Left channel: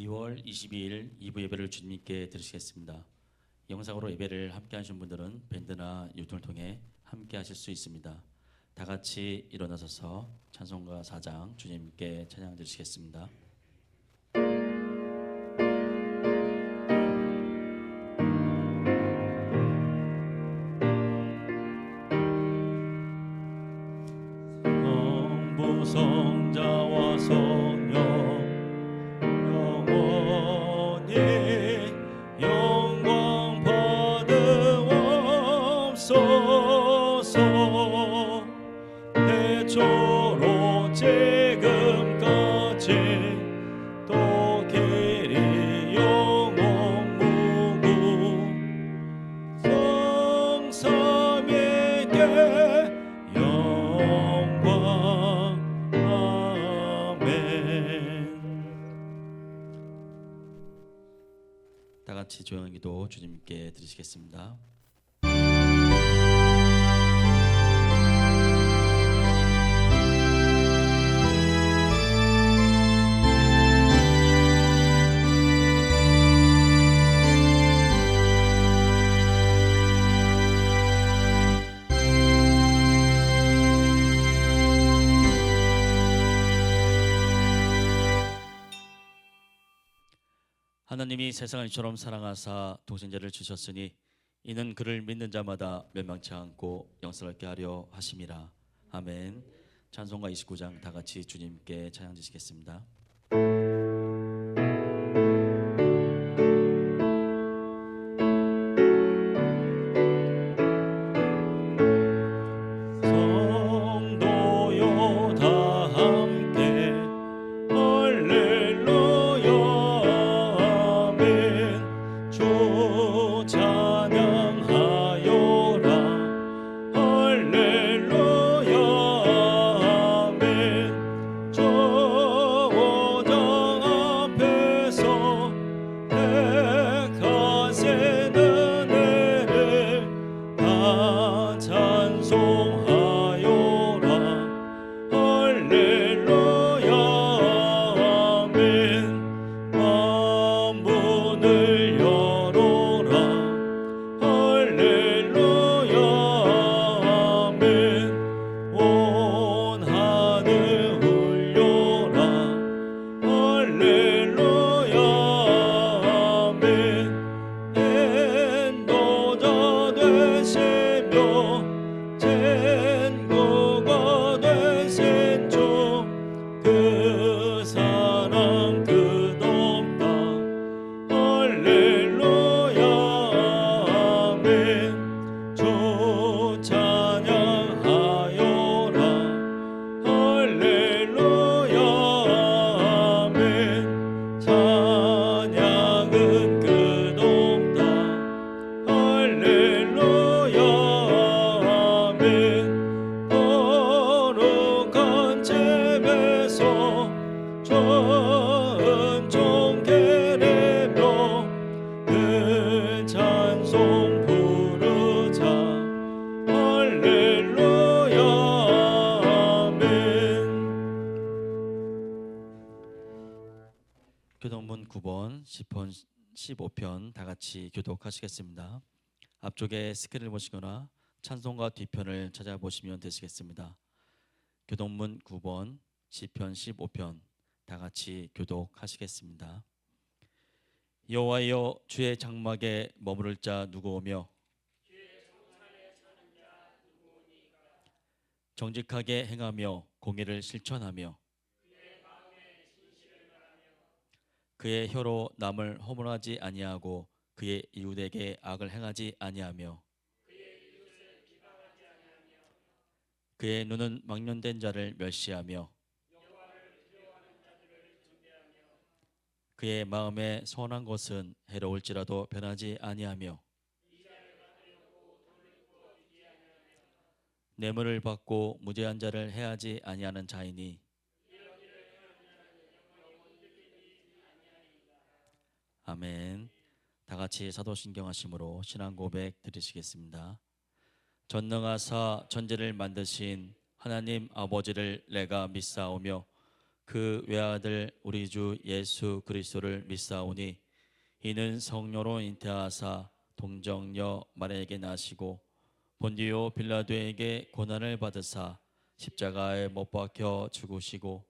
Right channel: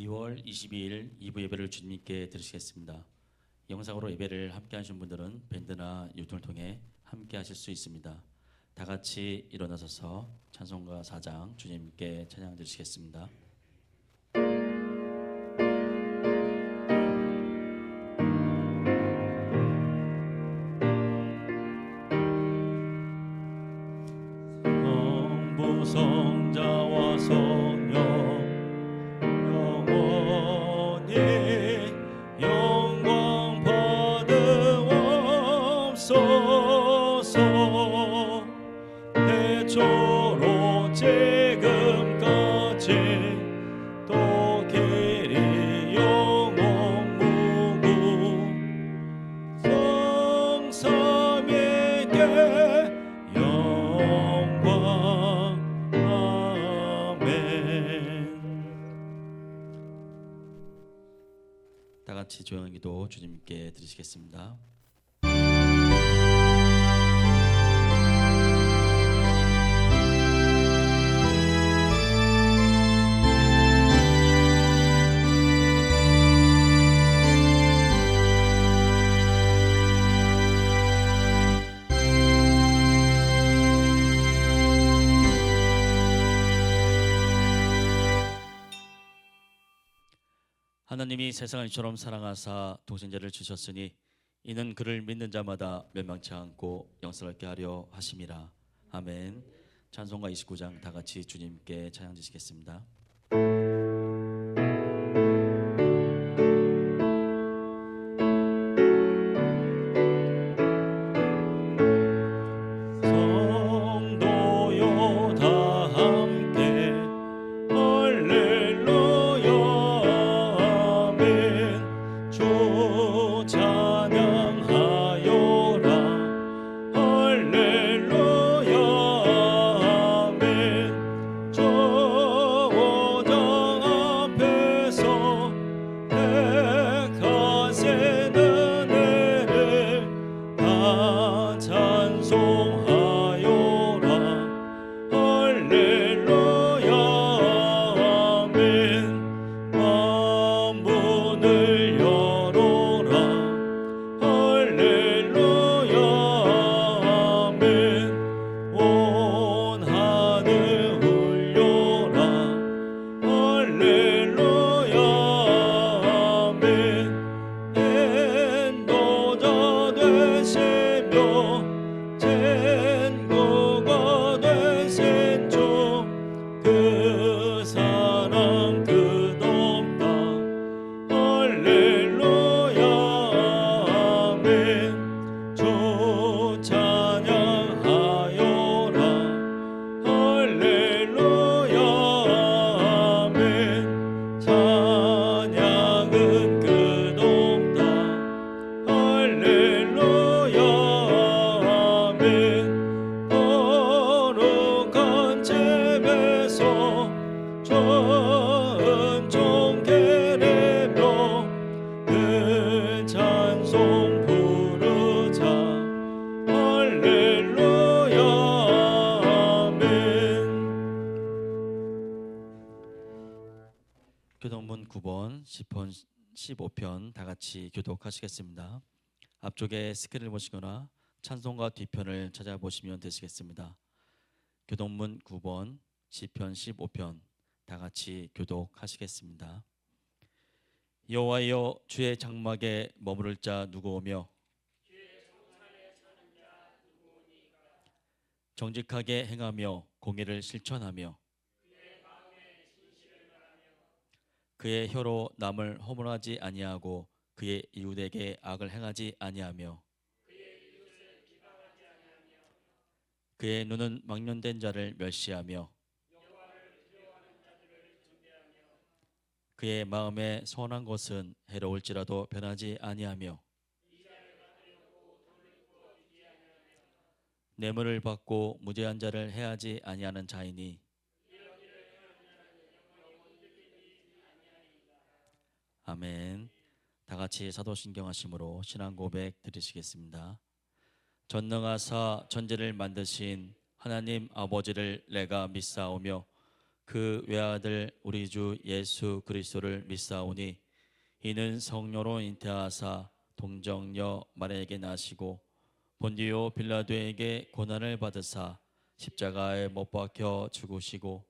2월 22일 2부 예배를 주님께 드리시겠습니다. 영상으로 예배를 함께 하신 분들은 밴드나 유튜브를 통해 함께 하실 수 있습니다. 다 같이 일어나셔서 찬송가 4장 주님께 찬양 드리시겠습니다. 성자와 성령 영원히 영광 받으옵소서. 태초로 지금까지 또 길이 영원 무궁 성삼위께 영광. 다 같이 조용한 기도 주님께 드리시겠습니다. 하나님이 세상을 이처럼 사랑하사 독생자를 주셨으니 이는 그를 믿는 자마다 멸망치 않고 영생을 얻게 하려 하심이라. 아멘. 찬송가 29장 다 같이 주님께 찬양 드리시겠습니다. 성도요 다 함께 할렐루야 아멘. 주 찬양하여라 할렐루야 아멘. 저 오장 앞에서 백하세 은혜를 다 찬송하여라 할렐루야 아멘. 만문을 열어라 할렐루야 아멘. 온 하늘 울려라 할렐루야 아멘. 인도자 되시며 친구가 되신 주 그 사랑 끝없다 할렐루야 아멘. 주 찬양하여라 할렐루야 아멘. 찬양은 끝없다 할렐루야 아멘. 거룩한 집에서 은총 계리며 그 찬송 부르자 할렐루야 아멘. 교독문 9번 시편 15편 다 같이 교독하시겠습니다. 앞쪽에 스크린을 보시거나 찬송가 뒤편을 찾아보시면 되시겠습니다. 교독문 9번 시편 15편 다 같이 교독하시겠습니다. 여호와여 주의 장막에 머무를 자 누구오며 정직하게 행하며 공의를 실천하며 그의 혀로 남을 허물하지 아니하고 그의 이웃에게 악을 행하지 아니하며 그의 눈은 망령된 자를 멸시하며 그의 마음에 선한 것은 해로울지라도 변하지 아니하며 뇌물을 받고 무죄한 자를 해하지 아니하는 자이니 아멘. 다 같이 사도신경 하심으로 신앙 고백 드리시겠습니다. 전능하사 천지를 만드신 하나님 아버지를 내가 믿사오며 그 외아들 우리 주 예수 그리스도를 믿사오니 이는 성령으로 잉태하사 동정녀 마리아에게 나시고 본디오 빌라도에게 고난을 받으사 십자가에 못 박혀 죽으시고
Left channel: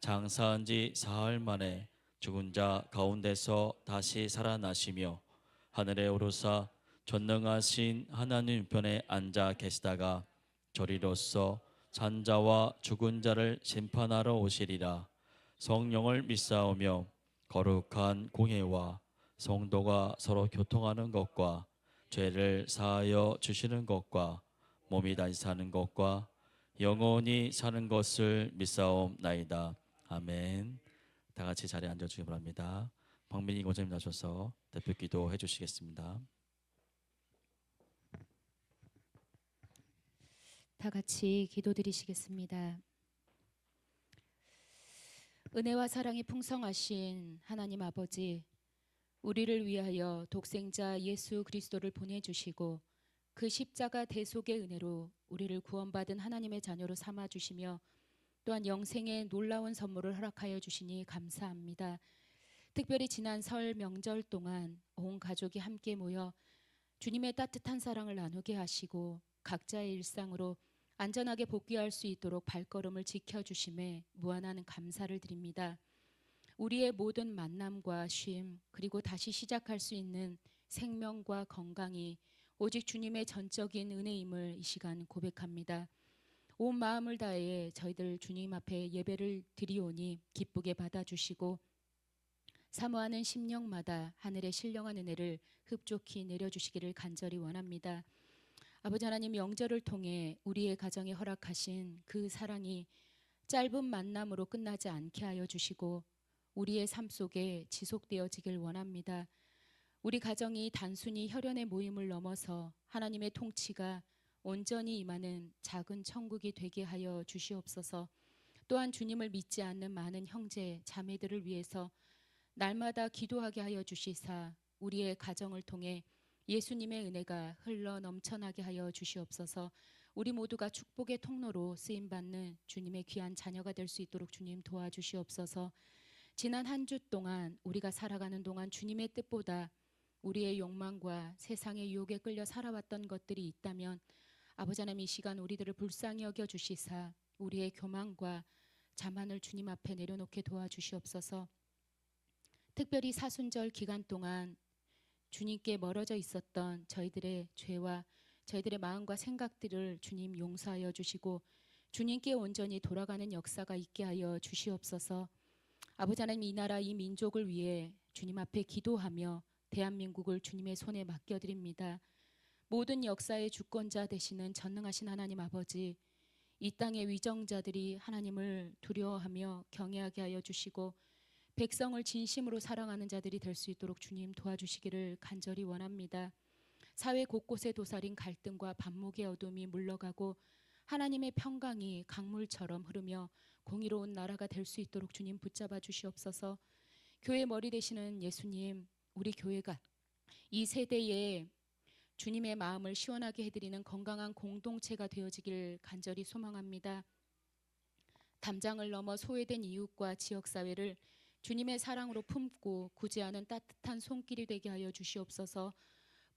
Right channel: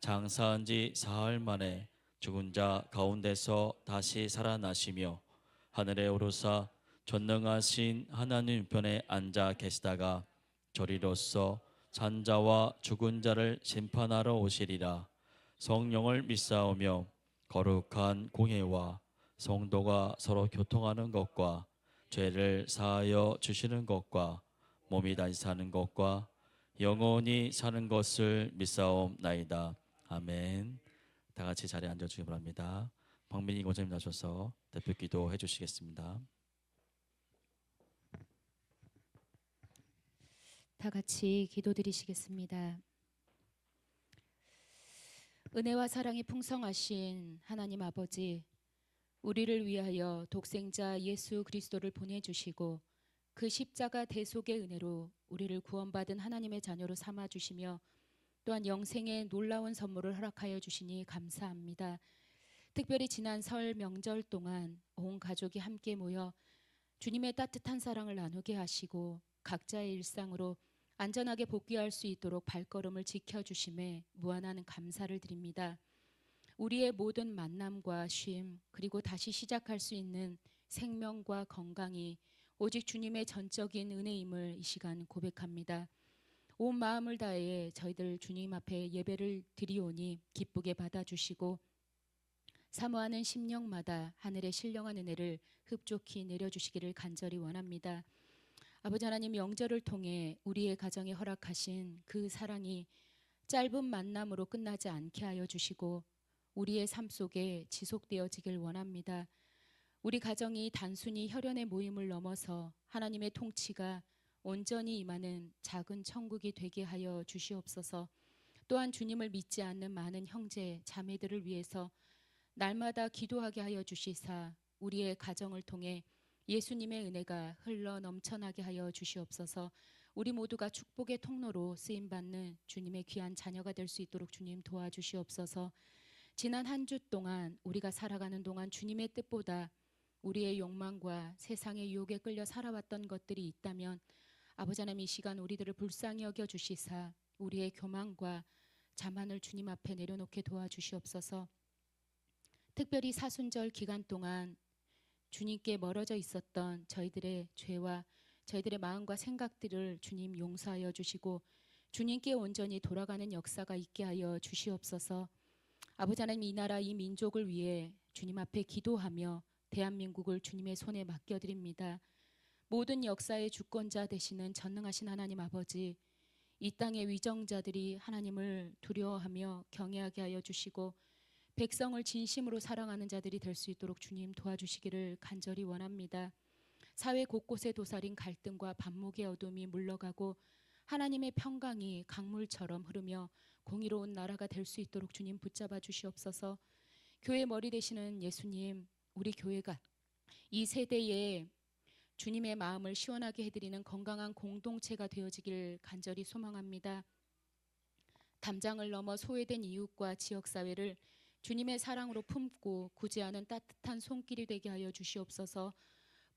장사한 지 사흘 만에 죽은 자 가운데서 다시 살아나시며 하늘에 오르사 전능하신 하나님 편에 앉아 계시다가 저리로서 산자와 죽은 자를 심판하러 오시리라. 성령을 믿사오며 거룩한 공회와 성도가 서로 교통하는 것과 죄를 사하여 주시는 것과 몸이 다시 사는 것과 영원히 사는 것을 믿사옵나이다. 아멘. 다 같이 자리에 앉아주시기 바랍니다. 박민희 권사님 나셔서 대표 기도해 주시겠습니다. 다 같이 기도드리시겠습니다. 은혜와 사랑이 풍성하신 하나님 아버지, 우리를 위하여 독생자 예수 그리스도를 보내주시고 그 십자가 대속의 은혜로 우리를 구원받은 하나님의 자녀로 삼아주시며 또한 영생의 놀라운 선물을 허락하여 주시니 감사합니다. 특별히 지난 설 명절 동안 온 가족이 함께 모여 주님의 따뜻한 사랑을 나누게 하시고 각자의 일상으로 안전하게 복귀할 수 있도록 발걸음을 지켜주심에 무한한 감사를 드립니다. 우리의 모든 만남과 쉼 그리고 다시 시작할 수 있는 생명과 건강이 오직 주님의 전적인 은혜임을 이 시간 고백합니다. 온 마음을 다해 저희들 주님 앞에 예배를 드리오니 기쁘게 받아주시고 사모하는 심령마다 하늘의 신령한 은혜를 흡족히 내려주시기를 간절히 원합니다. 아버지 하나님, 명절을 통해 우리의 가정에 허락하신 그 사랑이 짧은 만남으로 끝나지 않게 하여 주시고 우리의 삶 속에 지속되어지길 원합니다. 우리 가정이 단순히 혈연의 모임을 넘어서 하나님의 통치가 온전히 임하는 작은 천국이 되게 하여 주시옵소서. 또한 주님을 믿지 않는 많은 형제 자매들을 위해서 날마다 기도하게 하여 주시사 우리의 가정을 통해 예수님의 은혜가 흘러 넘쳐나게 하여 주시옵소서. 우리 모두가 축복의 통로로 쓰임받는 주님의 귀한 자녀가 될 수 있도록 주님 도와주시옵소서. 지난 한 주 동안 우리가 살아가는 동안 주님의 뜻보다 우리의 욕망과 세상의 유혹에 끌려 살아왔던 것들이 있다면 아버지 하나님, 이 시간 우리들을 불쌍히 여겨 주시사 우리의 교만과 자만을 주님 앞에 내려놓게 도와주시옵소서. 특별히 사순절 기간 동안 주님께 멀어져 있었던 저희들의 죄와 저희들의 마음과 생각들을 주님 용서하여 주시고 주님께 온전히 돌아가는 역사가 있게 하여 주시옵소서. 아버지 하나님, 이 나라 이 민족을 위해 주님 앞에 기도하며 대한민국을 주님의 손에 맡겨드립니다. 모든 역사의 주권자 되시는 전능하신 하나님 아버지, 이 땅의 위정자들이 하나님을 두려워하며 경외하게 하여 주시고 백성을 진심으로 사랑하는 자들이 될 수 있도록 주님 도와주시기를 간절히 원합니다. 사회 곳곳에 도사린 갈등과 반목의 어둠이 물러가고 하나님의 평강이 강물처럼 흐르며 공의로운 나라가 될 수 있도록 주님 붙잡아 주시옵소서. 교회 머리 되시는 예수님, 우리 교회가 이 세대에 주님의 마음을 시원하게 해드리는 건강한 공동체가 되어지길 간절히 소망합니다. 담장을 넘어 소외된 이웃과 지역사회를 주님의 사랑으로 품고 구제하는 따뜻한 손길이 되게 하여 주시옵소서.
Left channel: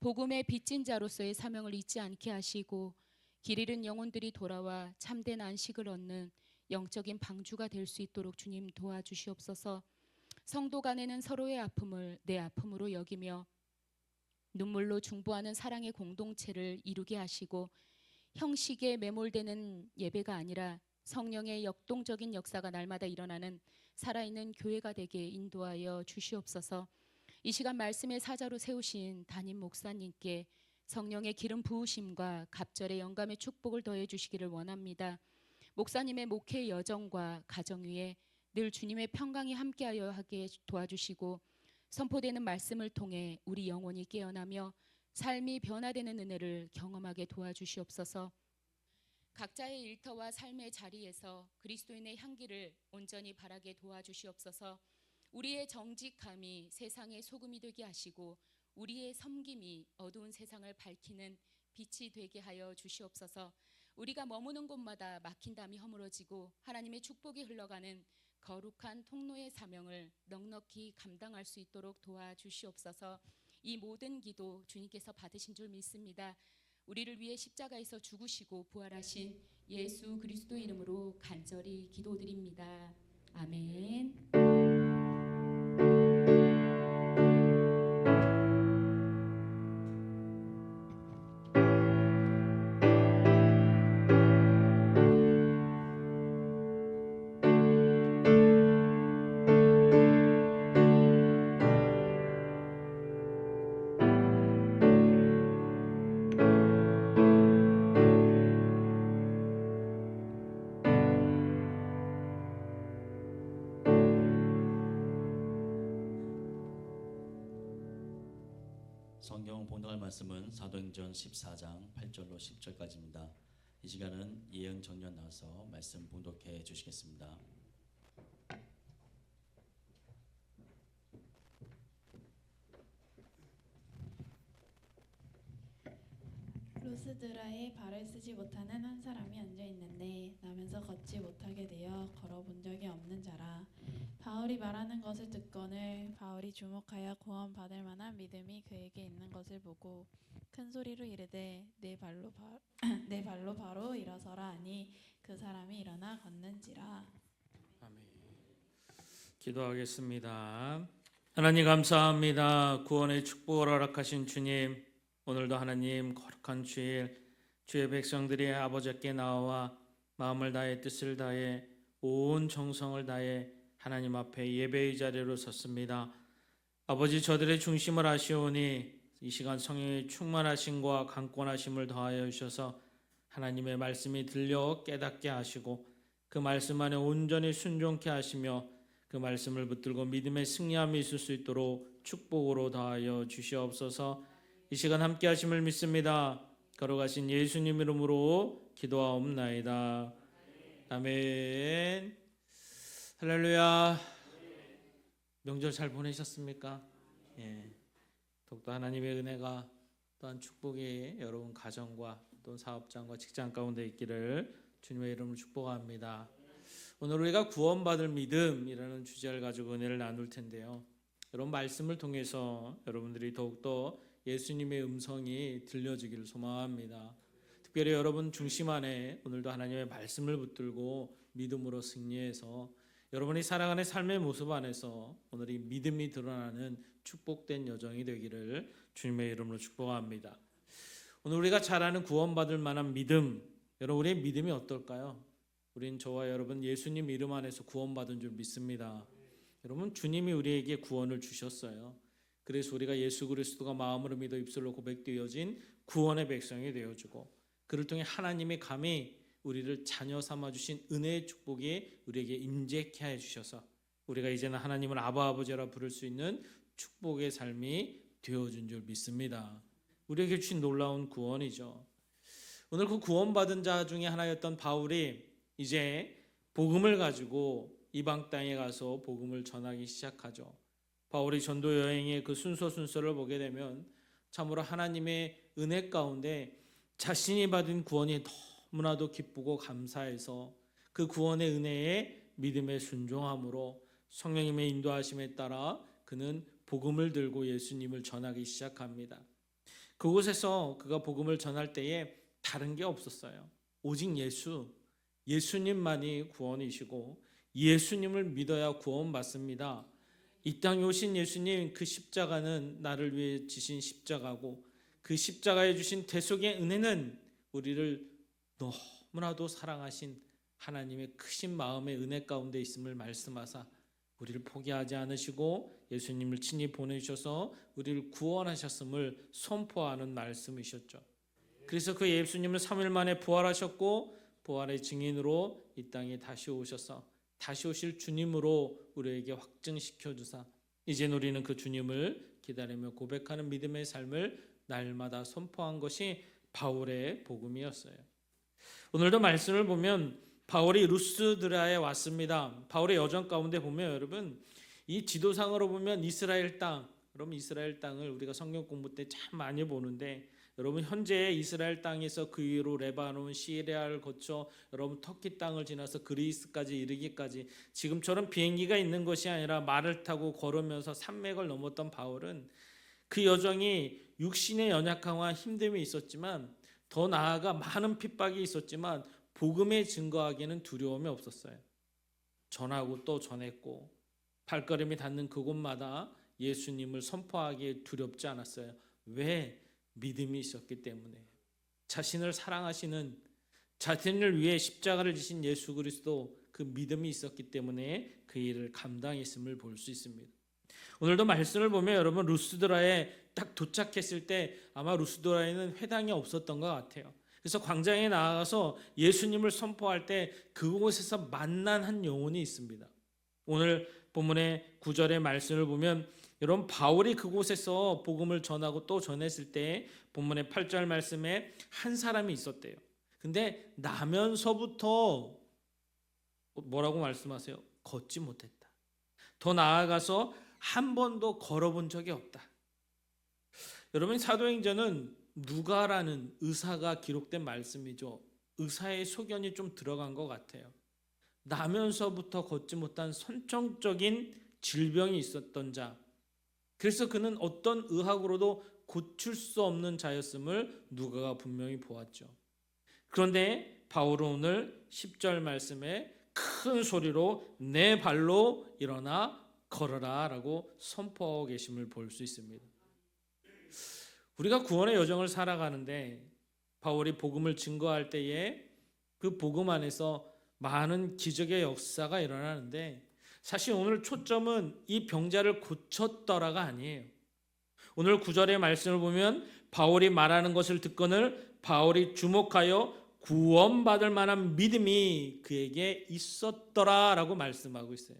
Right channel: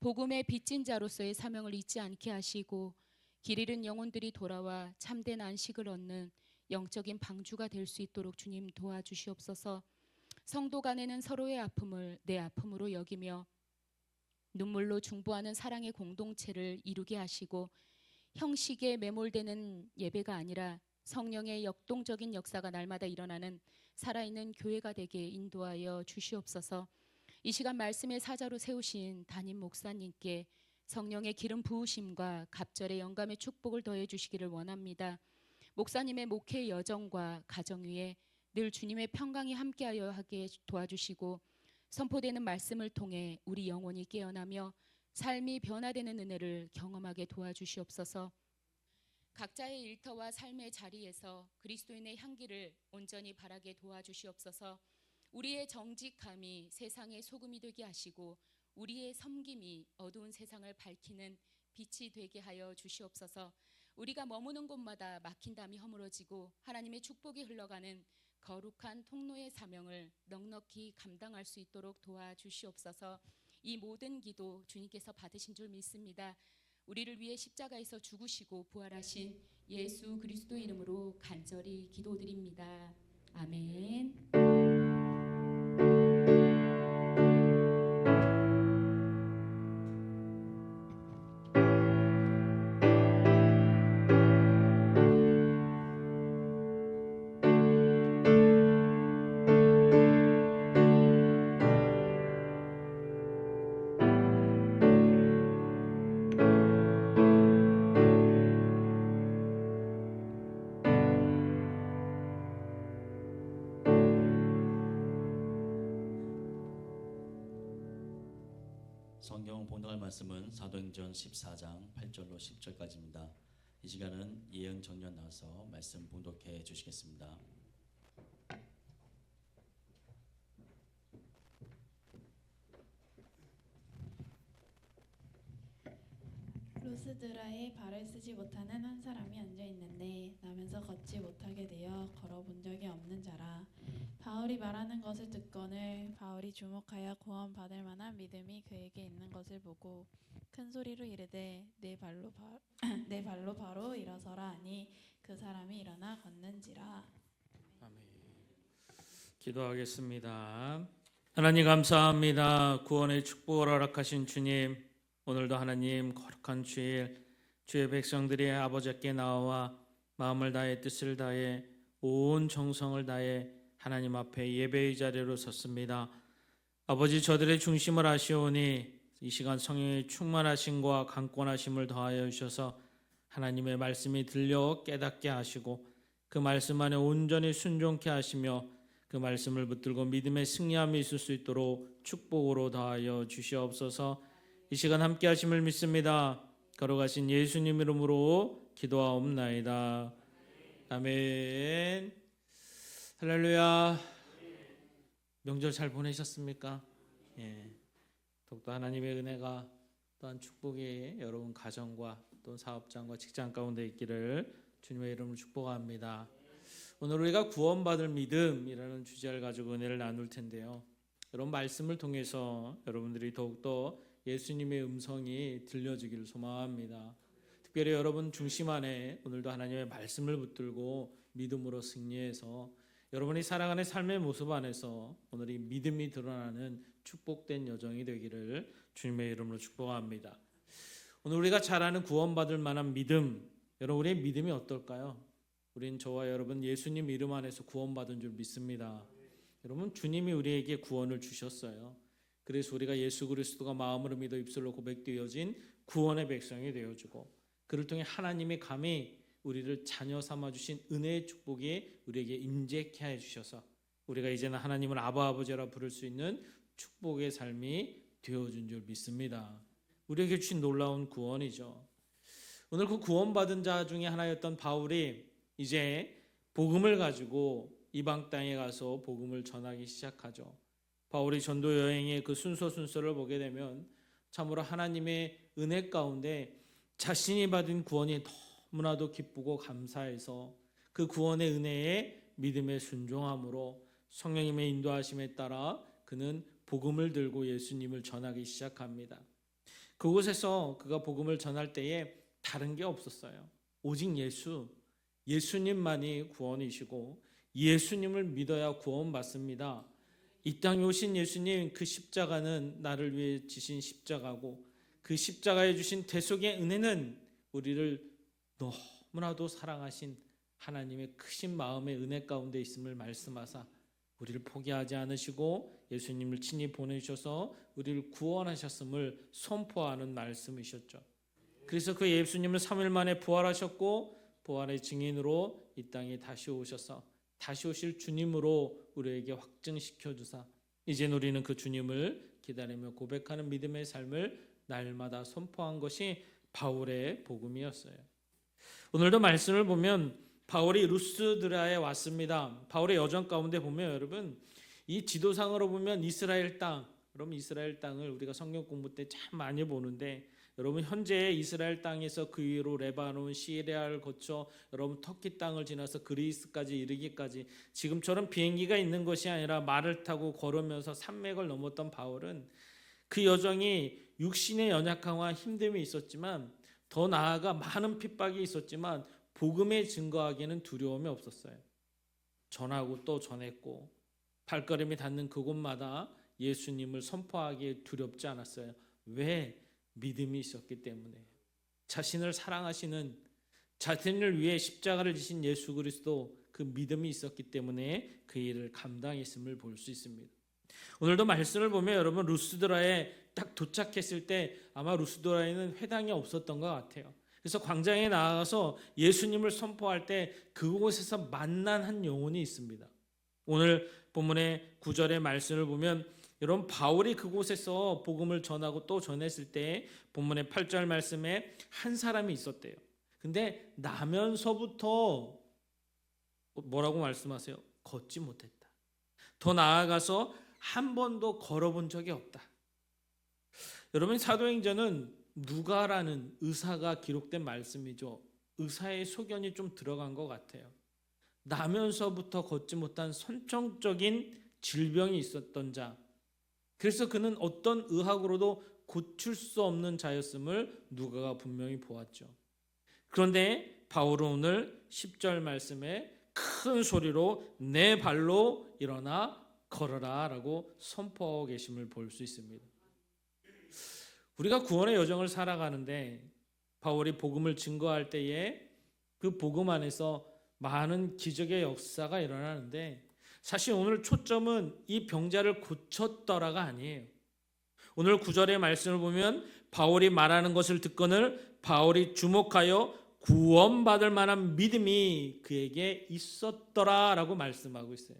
복음의 빚진 자로서의 사명을 잊지 않게 하시고 길 잃은 영혼들이 돌아와 참된 안식을 얻는 영적인 방주가 될 수 있도록 주님 도와주시옵소서. 성도 간에는 서로의 아픔을 내 아픔으로 여기며 눈물로 중보하는 사랑의 공동체를 이루게 하시고 형식에 매몰되는 예배가 아니라 성령의 역동적인 역사가 날마다 일어나는 살아있는 교회가 되게 인도하여 주시옵소서. 이 시간 말씀의 사자로 세우신 담임 목사님께 성령의 기름 부으심과 갑절의 영감의 축복을 더해 주시기를 원합니다. 목사님의 목회 여정과 가정 위에 늘 주님의 평강이 함께하여 하게 도와주시고 선포되는 말씀을 통해 우리 영혼이 깨어나며 삶이 변화되는 은혜를 경험하게 도와주시옵소서. 각자의 일터와 삶의 자리에서 그리스도인의 향기를 온전히 바라게 도와주시옵소서. 우리의 정직함이 세상의 소금이 되게 하시고 우리의 섬김이 어두운 세상을 밝히는 빛이 되게 하여 주시옵소서. 우리가 머무는 곳마다 막힌 담이 허물어지고 하나님의 축복이 흘러가는 거룩한 통로의 사명을 넉넉히 감당할 수 있도록 도와주시옵소서. 이 모든 기도 주님께서 받으신 줄 믿습니다. 우리를 위해 십자가에서 죽으시고 부활하신 예수 그리스도 이름으로 간절히 기도드립니다. 아멘. 성경 봉독할 말씀은 사도행전 14장 8절로 10절까지입니다. 이 시간은 예영 정년 나와서 말씀 봉독해 주시겠습니다. 루스드라에 발을 쓰지 못하는 한 사람이 앉아 있는데 나면서 걷지 못하게 되어 걸어본 적이 없는 자라. 바울이 말하는 것을 듣거늘 바울이 주목하여 구원받을 만한 믿음이 그에게 있는 것을 보고 큰 소리로 이르되 내 발로 바로 일어서라 하니 그 사람이 일어나 걷는지라. 아멘. 기도하겠습니다. 하나님 감사합니다. 구원의 축복을 허락하신 주님, 오늘도 하나님 거룩한 주일 주의 백성들이 아버지께 나와 마음을 다해 뜻을 다해 온 정성을 다해 하나님 앞에 예배의 자리로 섰습니다. 아버지, 저들의 중심을 아시오니 이 시간 성령의 충만하심과 강권하심을 더하여 주셔서 하나님의 말씀이 들려 깨닫게 하시고 그 말씀 안에 온전히 순종케 하시며 그 말씀을 붙들고 믿음의 승리함이 있을 수 있도록 축복으로 더하여 주시옵소서. 이 시간 함께 하심을 믿습니다. 걸어가신 예수님 이름으로 기도하옵나이다. 아멘. 할렐루야. 명절 잘 보내셨습니까? 예. 더욱더 하나님의 은혜가 또한 축복이 여러분 가정과 또 사업장과 직장 가운데 있기를 주님의 이름으로 축복합니다. 오늘 우리가 구원받을 믿음이라는 주제를 가지고 은혜를 나눌 텐데요. 여러분 말씀을 통해서 여러분들이 더욱더 예수님의 음성이 들려지기를 소망합니다. 특별히 여러분 중심 안에 오늘도 하나님의 말씀을 붙들고 믿음으로 승리해서 여러분이 살아가는 삶의 모습 안에서 오늘 이 믿음이 드러나는 축복된 여정이 되기를 주님의 이름으로 축복합니다. 오늘 우리가 잘 아는 구원받을 만한 믿음, 여러분 우리의 믿음이 어떨까요? 우린 저와 여러분 예수님 이름 안에서 구원받은 줄 믿습니다. 여러분 주님이 우리에게 구원을 주셨어요. 그래서 우리가 예수 그리스도가 마음으로 믿어 입술로 고백되어진 구원의 백성이 되어주고 그를 통해 하나님이 감히 우리를 자녀 삼아주신 은혜의 축복이 우리에게 임재케 해주셔서 우리가 이제는 하나님을 아바 아버지라 부를 수 있는 축복의 삶이 되어준 줄 믿습니다. 우리에게 주신 놀라운 구원이죠. 오늘 그 구원받은 자 중에 하나였던 바울이 이제 복음을 가지고 이방 땅에 가서 복음을 전하기 시작하죠. 바울이 전도 여행의 그 순서를 보게 되면 참으로 하나님의 은혜 가운데 자신이 받은 구원이 너무나도 기쁘고 감사해서 그 구원의 은혜에 믿음의 순종함으로 성령님의 인도하심에 따라 그는 복음을 들고 예수님을 전하기 시작합니다. 그곳에서 그가 복음을 전할 때에 다른 게 없었어요. 오직 예수님만이 구원이시고 예수님을 믿어야 구원받습니다. 이 땅에 오신 예수님, 그 십자가는 나를 위해 지신 십자가고 그 십자가에 주신 대속의 은혜는 우리를 너무나도 사랑하신 하나님의 크신 마음의 은혜 가운데 있음을 말씀하사 우리를 포기하지 않으시고 예수님을 친히 보내주셔서 우리를 구원하셨음을 선포하는 말씀이셨죠. 그래서 그 예수님은 3일 만에 부활하셨고 부활의 증인으로 이 땅에 다시 오셔서 다시 오실 주님으로 우리에게 확증시켜 주사 이제 우리는 그 주님을 기다리며 고백하는 믿음의 삶을 날마다 선포한 것이 바울의 복음이었어요. 오늘도 말씀을 보면 바울이 루스드라에 왔습니다. 바울의 여정 가운데 보면 여러분 이 지도상으로 보면 이스라엘 땅, 그럼 이스라엘 땅을 우리가 성경 공부 때 참 많이 보는데 여러분 현재 이스라엘 땅에서 그 위로 레바논, 시리아를 거쳐 여러분 터키 땅을 지나서 그리스까지 이르기까지 지금처럼 비행기가 있는 것이 아니라 말을 타고 걸으면서 산맥을 넘었던 바울은 그 여정이 육신의 연약함과 힘듦이 있었지만 더 나아가 많은 핍박이 있었지만 복음에 증거하기에는 두려움이 없었어요. 전하고 또 전했고 발걸음이 닿는 그곳마다 예수님을 선포하기에 두렵지 않았어요. 왜? 믿음이 있었기 때문에. 자신을 사랑하시는, 자신을 위해 십자가를 지신 예수 그리스도, 그 믿음이 있었기 때문에 그 일을 감당했음을 볼 수 있습니다. 오늘도 말씀을 보면 여러분 루스드라에 딱 도착했을 때 아마 루스드라에는 회당이 없었던 것 같아요. 그래서 광장에 나가서 예수님을 선포할 때 그곳에서 만난 한 영혼이 있습니다. 오늘 본문의 9절의 말씀을 보면 여러분 바울이 그곳에서 복음을 전하고 또 전했을 때 본문의 8절 말씀에 한 사람이 있었대요. 근데 나면서부터 뭐라고 말씀하세요? 걷지 못했다. 더 나아가서 한 번도 걸어본 적이 없다. 여러분 사도행전은 누가라는 의사가 기록된 말씀이죠. 의사의 소견이 좀 들어간 것 같아요. 나면서부터 걷지 못한 선천적인 질병이 있었던 자. 그래서 그는 어떤 의학으로도 고칠 수 없는 자였음을 누가가 분명히 보았죠. 그런데 바울은 오늘 10절 말씀에 큰 소리로 내 발로 일어나 걸어라 라고 선포하고 계심을 볼 수 있습니다. 우리가 구원의 여정을 살아가는데 바울이 복음을 증거할 때에 그 복음 안에서 많은 기적의 역사가 일어나는데 사실 오늘 초점은 이 병자를 고쳤더라가 아니에요. 오늘 9절의 말씀을 보면 바울이 말하는 것을 듣거늘 바울이 주목하여 구원받을 만한 믿음이 그에게 있었더라라고 말씀하고 있어요.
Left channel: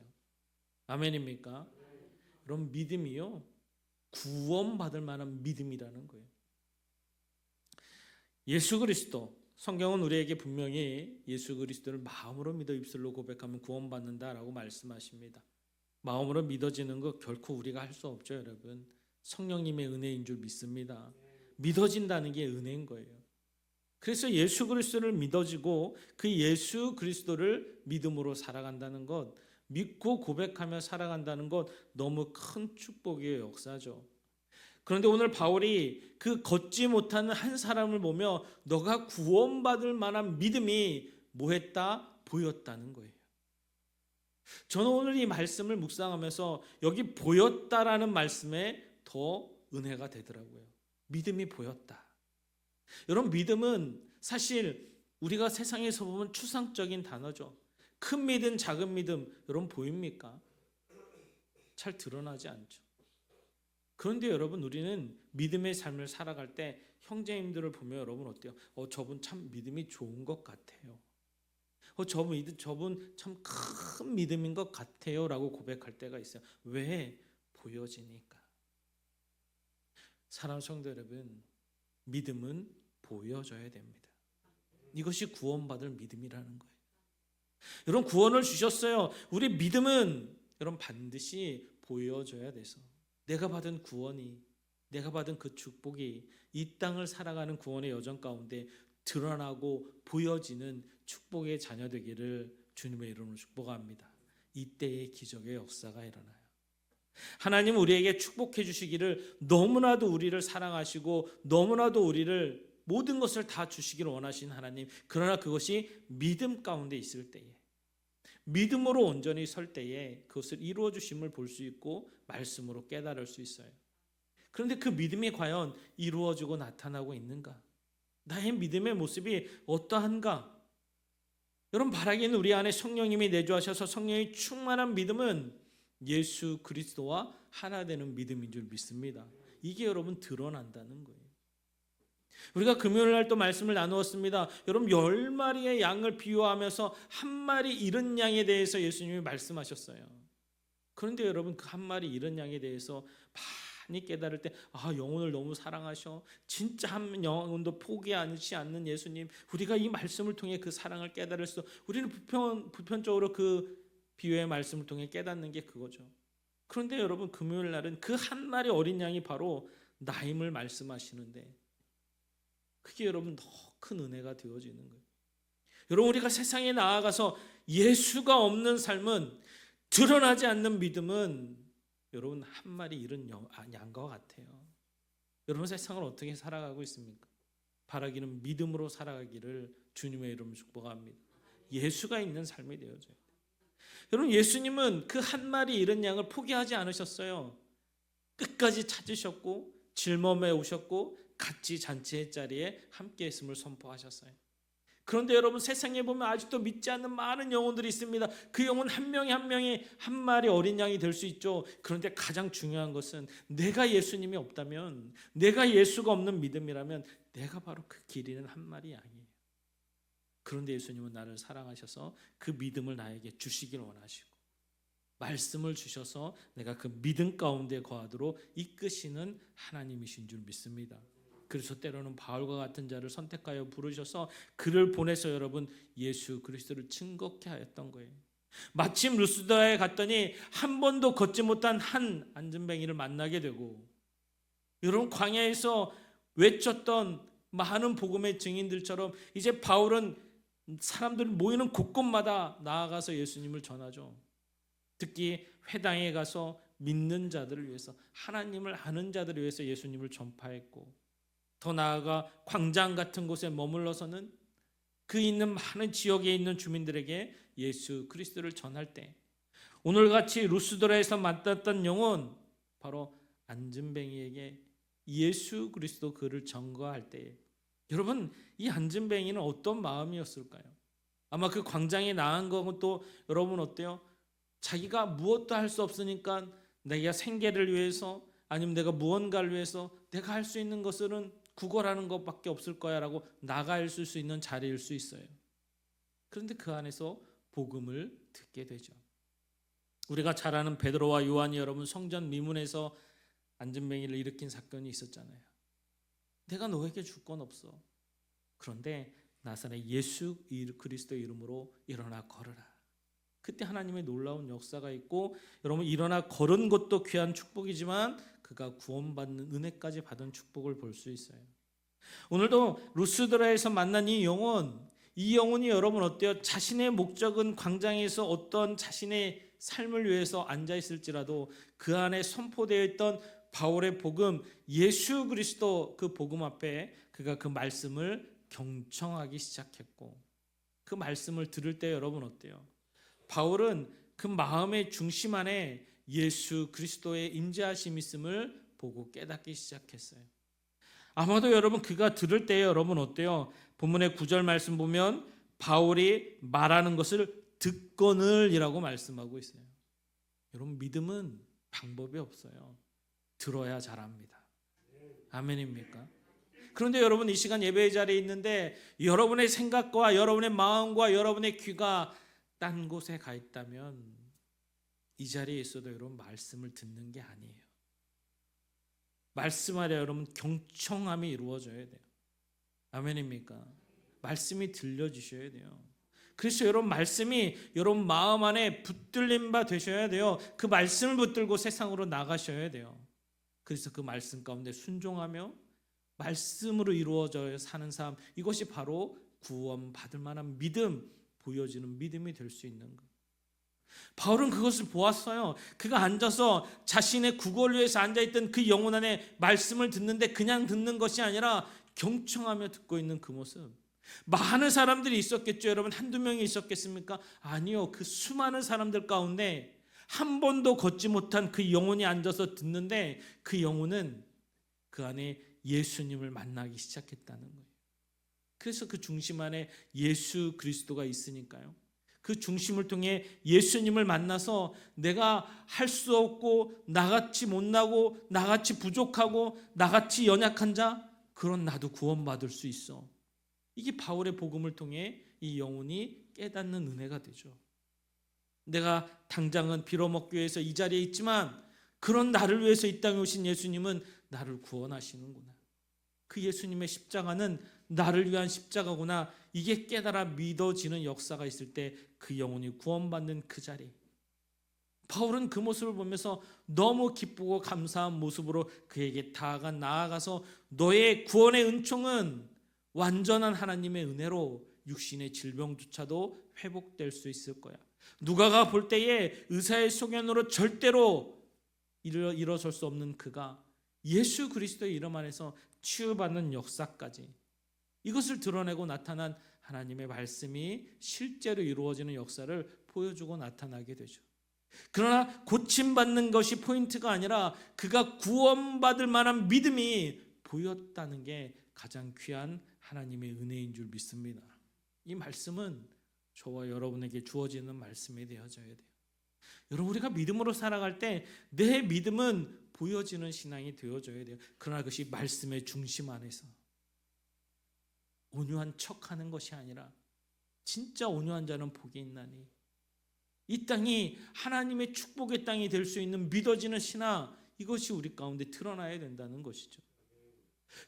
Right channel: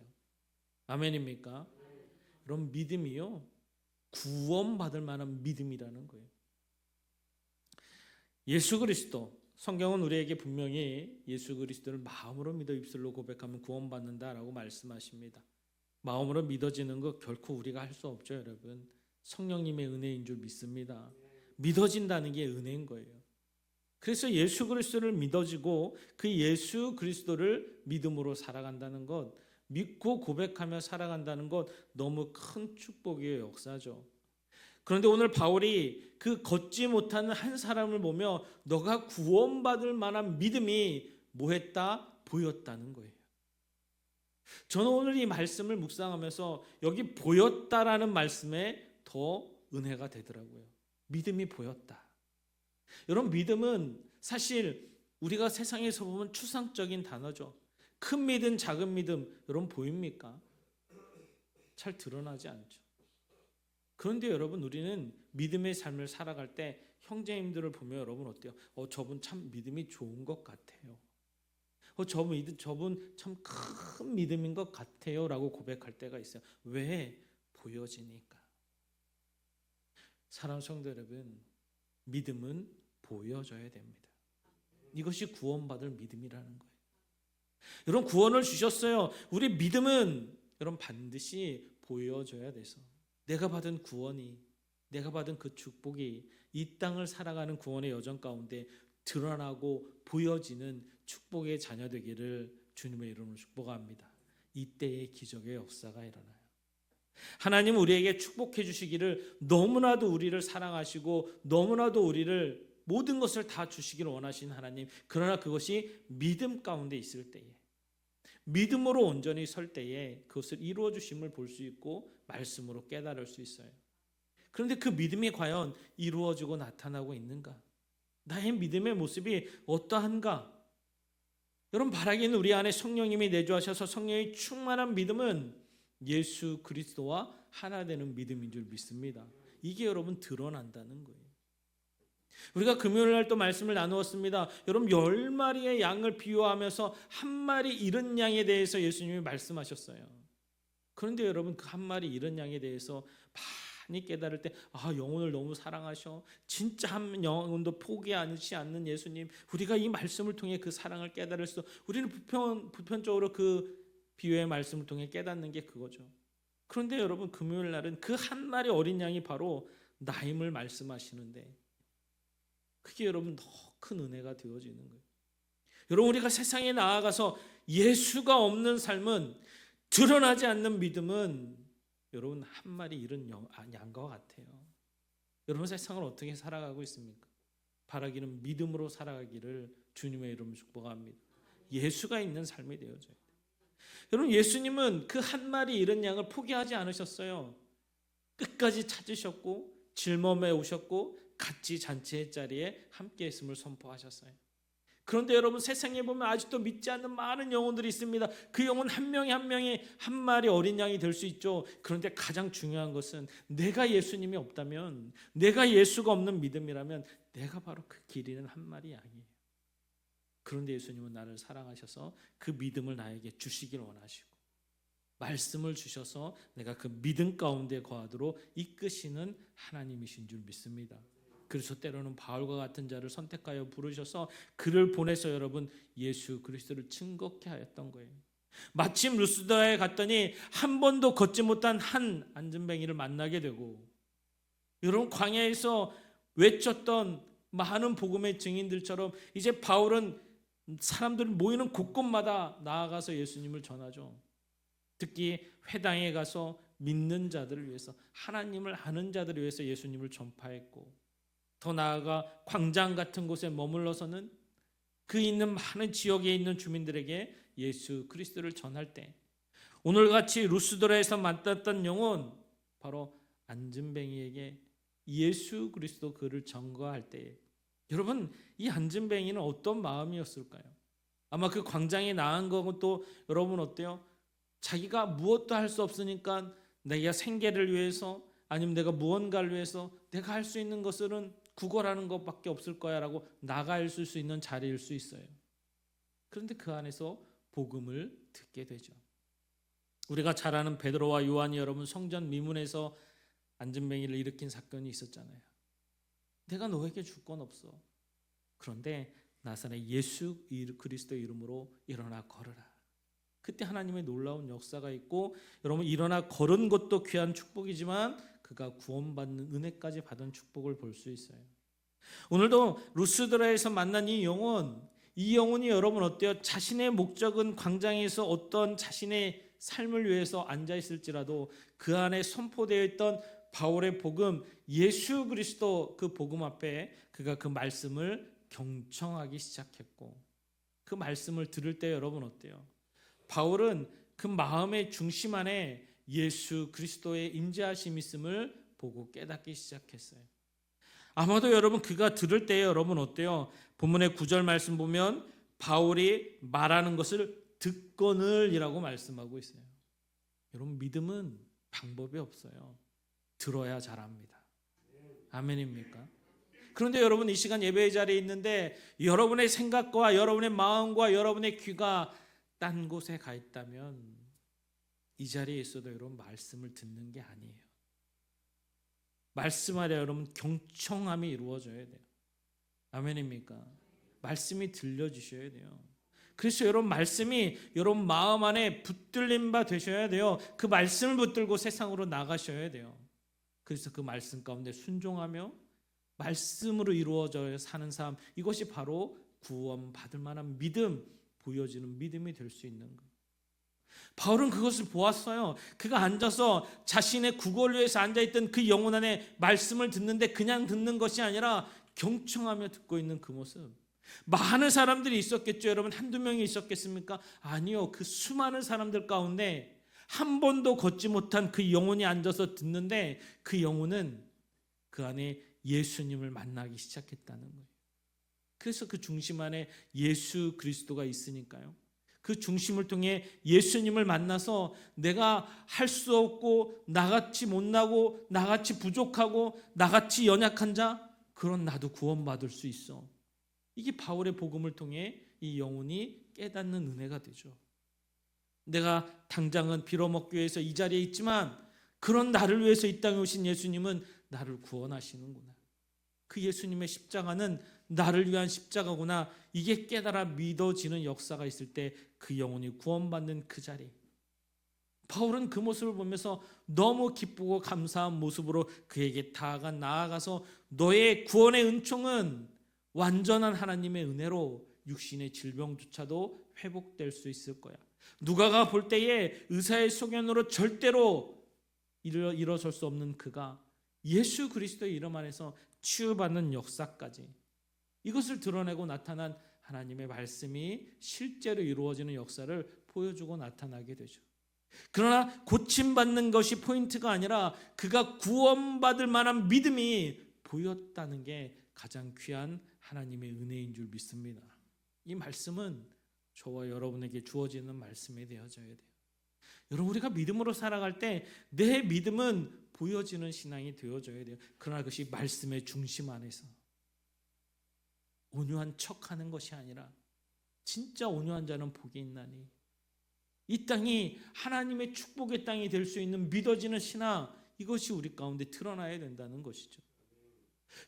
아멘입니까? 그럼 믿음이요 구원받을 만한 믿음이라는 거예요. 예수 그리스도, 성경은 우리에게 분명히 예수 그리스도를 마음으로 믿어 입술로 고백하면 구원받는다라고 말씀하십니다. 마음으로 믿어지는 거 결코 우리가 할 수 없죠, 여러분. 성령님의 은혜인 줄 믿습니다. 믿어진다는 게 은혜인 거예요. 그래서 예수 그리스도를 믿어지고 그 예수 그리스도를 믿음으로 살아간다는 것, 믿고 고백하며 살아간다는 것 너무 큰 축복의 역사죠. 그런데 오늘 바울이 그 걷지 못하는 한 사람을 보며 너가 구원받을 만한 믿음이 뭐했다? 보였다는 거예요. 저는 오늘 이 말씀을 묵상하면서 여기 보였다라는 말씀에 더 은혜가 되더라고요. 믿음이 보였다. 여러분 믿음은 사실 우리가 세상에서 보면 추상적인 단어죠. 큰 믿음, 작은 믿음 여러분 보입니까? 잘 드러나지 않죠. 그런데 여러분 우리는 믿음의 삶을 살아갈 때 형제님들을 보면 여러분 어때요? 저분 참 믿음이 좋은 것 같아요. 저분 참 큰 믿음인 것 같아요 라고 고백할 때가 있어요. 왜? 보여지니까. 사랑하는 성도 여러분, 믿음은 보여져야 됩니다. 이것이 구원받을 믿음이라는 거예요. 여러분 구원을 주셨어요. 우리 믿음은 여러분 반드시 보여져야 돼서 내가 받은 구원이, 내가 받은 그 축복이 이 땅을 살아가는 구원의 여정 가운데 드러나고 보여지는 축복의 자녀 되기를 주님의 이름으로 축복합니다. 이때의 기적의 역사가 일어나요. 하나님 우리에게 축복해 주시기를 너무나도 우리를 사랑하시고 너무나도 우리를 모든 것을 다 주시기를 원하시는 하나님. 그러나 그것이 믿음 가운데 있을 때에, 믿음으로 온전히 설 때에 그것을 이루어 주심을 볼 수 있고 말씀으로 깨달을 수 있어요. 그런데 그 믿음이 과연 이루어지고 나타나고 있는가? 나의 믿음의 모습이 어떠한가? 여러분 바라기는 우리 안에 성령님이 내주하셔서 성령이 충만한 믿음은 예수 그리스도와 하나 되는 믿음인 줄 믿습니다. 이게 여러분 드러난다는 거예요. 우리가 금요일 날 또 말씀을 나누었습니다. 여러분 10마리의 양을 비유하면서 한 마리 잃은 양에 대해서 예수님이 말씀하셨어요. 그런데 여러분 그 한 마리 잃은 양에 대해서 많이 깨달을 때 영혼을 너무 사랑하셔. 진짜 한 영혼도 포기하지 않는 예수님. 우리가 이 말씀을 통해 그 사랑을 깨달을 수, 우리는 보편적으로 그 비유의 말씀을 통해 깨닫는 게 그거죠. 그런데 여러분 금요일 날은 그 한 마리 어린 양이 바로 나임을 말씀하시는데 그게 여러분 더 큰 은혜가 되어지는 거예요. 여러분, 우리가 세상에 나아가서 예수가 없는 삶은, 드러나지 않는 믿음은 여러분 한 마리 잃은 양과 같아요. 여러분, 세상을 어떻게 살아가고 있습니까? 바라기는 믿음으로 살아가기를 주님의 이름으로 축복합니다. 예수가 있는 삶이 되어져야 돼요. 여러분, 예수님은 그 한 마리 잃은 양을 포기하지 않으셨어요. 끝까지 찾으셨고 짊어매 오셨고 같이 잔치의 자리에 함께 했음을 선포하셨어요. 그런데 여러분, 세상에 보면 아직도 믿지 않는 많은 영혼들이 있습니다. 그 영혼 한 명이 한 명이 한 마리 어린 양이 될 수 있죠. 그런데 가장 중요한 것은, 내가 예수님이 없다면, 내가 예수가 없는 믿음이라면 내가 바로 그 길 잃은 한 마리 양이에요. 그런데 예수님은 나를 사랑하셔서 그 믿음을 나에게 주시길 원하시고, 말씀을 주셔서 내가 그 믿음 가운데 거하도록 이끄시는 하나님이신 줄 믿습니다. 그래서 때로는 바울과 같은 자를 선택하여 부르셔서 그를 보내서 여러분 예수 그리스도를 증거케 하였던 거예요. 마침 루스드라에 갔더니 한 번도 걷지 못한 한 안전뱅이를 만나게 되고, 여러분, 광야에서 외쳤던 많은 복음의 증인들처럼 이제 바울은 사람들 모이는 곳곳마다 나아가서 예수님을 전하죠. 특히 회당에 가서 믿는 자들을 위해서, 하나님을 아는 자들을 위해서 예수님을 전파했고, 더 나아가 광장 같은 곳에 머물러서는 그 있는 많은 지역에 있는 주민들에게 예수 그리스도를 전할 때, 오늘같이 루스드라에서 만났던 영혼, 바로 안진뱅이에게 예수 그리스도 그를 전거할 때, 여러분, 이 안진뱅이는 어떤 마음이었을까요? 아마 그 광장에 나간 것도 여러분 어때요? 자기가 무엇도 할 수 없으니까 내가 생계를 위해서, 아니면 내가 무언가를 위해서 내가 할 수 있는 것은 구걸하는 것밖에 없을 거야 라고 나가 있을 수 있는 자리일 수 있어요. 그런데 그 안에서 복음을 듣게 되죠. 우리가 잘 아는 베드로와 요한이 여러분 성전 미문에서 안전뱅이를 일으킨 사건이 있었잖아요. 내가 너에게 줄 건 없어. 그런데 나사렛 예수 그리스도 이름으로 일어나 걸으라. 그때 하나님의 놀라운 역사가 있고, 여러분, 일어나 걸은 것도 귀한 축복이지만 그가 구원받는 은혜까지 받은 축복을 볼 수 있어요. 오늘도 루스드라에서 만난 이 영혼이 여러분 어때요? 자신의 목적은 광장에서 어떤 자신의 삶을 위해서 앉아 있을지라도 그 안에 선포되어 있던 바울의 복음, 예수 그리스도 그 복음 앞에 그가 그 말씀을 경청하기 시작했고, 그 말씀을 들을 때 여러분 어때요? 바울은 그 마음의 중심 안에 예수 그리스도의 임재하심이 있음을 보고 깨닫기 시작했어요. 아마도 여러분 그가 들을 때 여러분 어때요? 본문의 9절 말씀 보면 바울이 말하는 것을 듣거늘이라고 말씀하고 있어요. 여러분, 믿음은 방법이 없어요. 들어야 잘합니다. 아멘입니까? 그런데 여러분, 이 시간 예배의 자리에 있는데 여러분의 생각과 여러분의 마음과 여러분의 귀가 딴 곳에 가 있다면 이 자리에 있어도 여러분 말씀을 듣는 게 아니에요. 말씀 아래 여러분 경청함이 이루어져야 돼요. 아멘입니까? 말씀이 들려주셔야 돼요. 그래서 여러분 말씀이 여러분 마음 안에 붙들린 바 되셔야 돼요. 그 말씀을 붙들고 세상으로 나가셔야 돼요. 그래서 그 말씀 가운데 순종하며 말씀으로 이루어져 사는 삶, 이것이 바로 구원받을 만한 믿음, 보여지는 믿음이 될 수 있는 것. 바울은 그것을 보았어요. 그가 앉아서 자신의 구걸을 위해서 앉아있던 그 영혼 안에 말씀을 듣는데 그냥 듣는 것이 아니라 경청하며 듣고 있는 그 모습. 많은 사람들이 있었겠죠. 여러분, 한두 명이 있었겠습니까? 아니요. 그 수많은 사람들 가운데 한 번도 걷지 못한 그 영혼이 앉아서 듣는데 그 영혼은 그 안에 예수님을 만나기 시작했다는 거예요. 그래서 그 중심 안에 예수 그리스도가 있으니까요. 그 중심을 통해 예수님을 만나서 내가 할 수 없고 나같이 못나고 나같이 부족하고 나같이 연약한 자, 그런 나도 구원받을 수 있어. 이게 바울의 복음을 통해 이 영혼이 깨닫는 은혜가 되죠. 내가 당장은 빌어먹기 위해서 이 자리에 있지만 그런 나를 위해서 이 땅에 오신 예수님은 나를 구원하시는구나. 그 예수님의 십자가는 나를 위한 십자가구나. 이게 깨달아 믿어지는 역사가 있을 때 그 영혼이 구원받는 그 자리. 바울은 그 모습을 보면서 너무 기쁘고 감사한 모습으로 그에게 나아가서 너의 구원의 은총은 완전한 하나님의 은혜로 육신의 질병조차도 회복될 수 있을 거야. 누가가 볼 때에 의사의 소견으로 절대로 일어설 수 없는 그가 예수 그리스도의 이름 안에서 치유받는 역사까지, 이것을 드러내고 나타난 하나님의 말씀이 실제로 이루어지는 역사를 보여주고 나타나게 되죠. 그러나 고침받는 것이 포인트가 아니라 그가 구원받을 만한 믿음이 보였다는 게 가장 귀한 하나님의 은혜인 줄 믿습니다. 이 말씀은 저와 여러분에게 주어지는 말씀이 되어져야 돼요. 여러분, 우리가 믿음으로 살아갈 때 내 믿음은 보여지는 신앙이 되어져야 돼요. 그러나 그것이 말씀의 중심 안에서 온유한 척하는 것이 아니라 진짜 온유한 자는 복이 있나니, 이 땅이 하나님의 축복의 땅이 될 수 있는 믿어지는 신앙, 이것이 우리 가운데 드러나야 된다는 것이죠.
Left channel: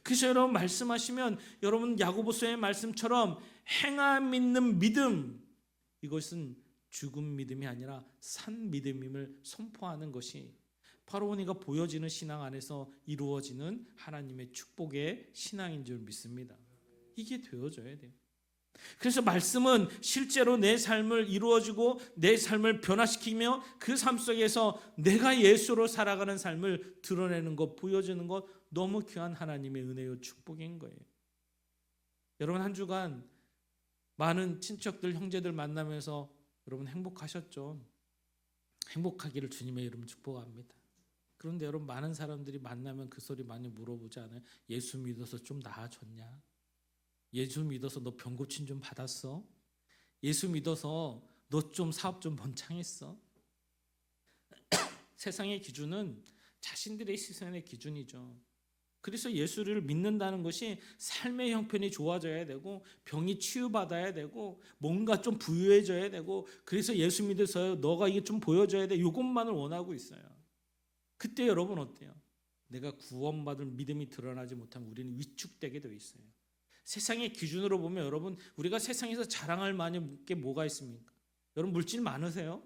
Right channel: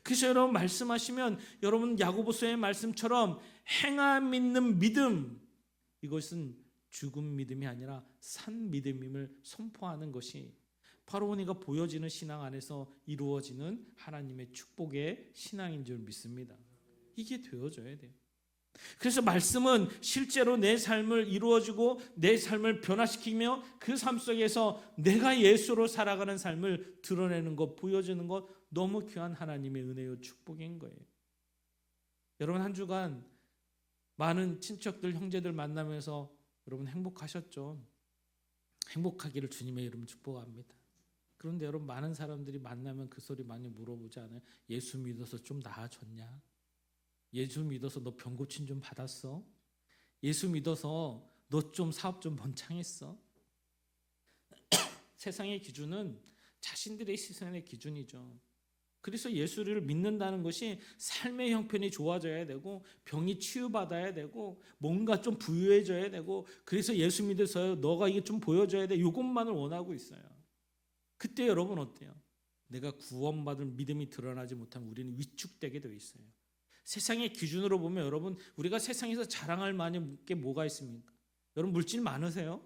그래서 여러분, 말씀하시면 여러분 야고보서의 말씀처럼 행함 있는 믿음, 이것은 죽은 믿음이 아니라 산 믿음임을 선포하는 것이 바로 우리가 보여지는 신앙 안에서 이루어지는 하나님의 축복의 신앙인 줄 믿습니다. 이게 되어져야 돼요. 그래서 말씀은 실제로 내 삶을 이루어주고 내 삶을 변화시키며 그 삶 속에서 내가 예수로 살아가는 삶을 드러내는 것, 보여주는 것, 너무 귀한 하나님의 은혜요 축복인 거예요. 여러분, 한 주간 많은 친척들, 형제들 만나면서 여러분 행복하셨죠? 행복하기를 주님의 이름 축복합니다. 그런데 여러분, 많은 사람들이 만나면 그 소리 많이 물어보지 않아요? 예수 믿어서 좀 나아졌냐? 예수 믿어서 너 병 고침 좀 받았어? 예수 믿어서 너 좀 사업 좀 번창했어? 세상의 기준은 자신들의 시선의 기준이죠. 그래서 예수를 믿는다는 것이 삶의 형편이 좋아져야 되고 병이 치유받아야 되고 뭔가 좀 부유해져야 되고, 그래서 예수 믿어서 너가 이게 좀 보여줘야 돼, 이것만을 원하고 있어요. 그때 여러분 어때요? 내가 구원받을 믿음이 드러나지 못하면 우리는 위축되게 되어 있어요. 세상의 기준으로 보면 여러분, 우리가 세상에서 자랑할 만한 게 뭐가 있습니까? 여러분, 물질 많으세요?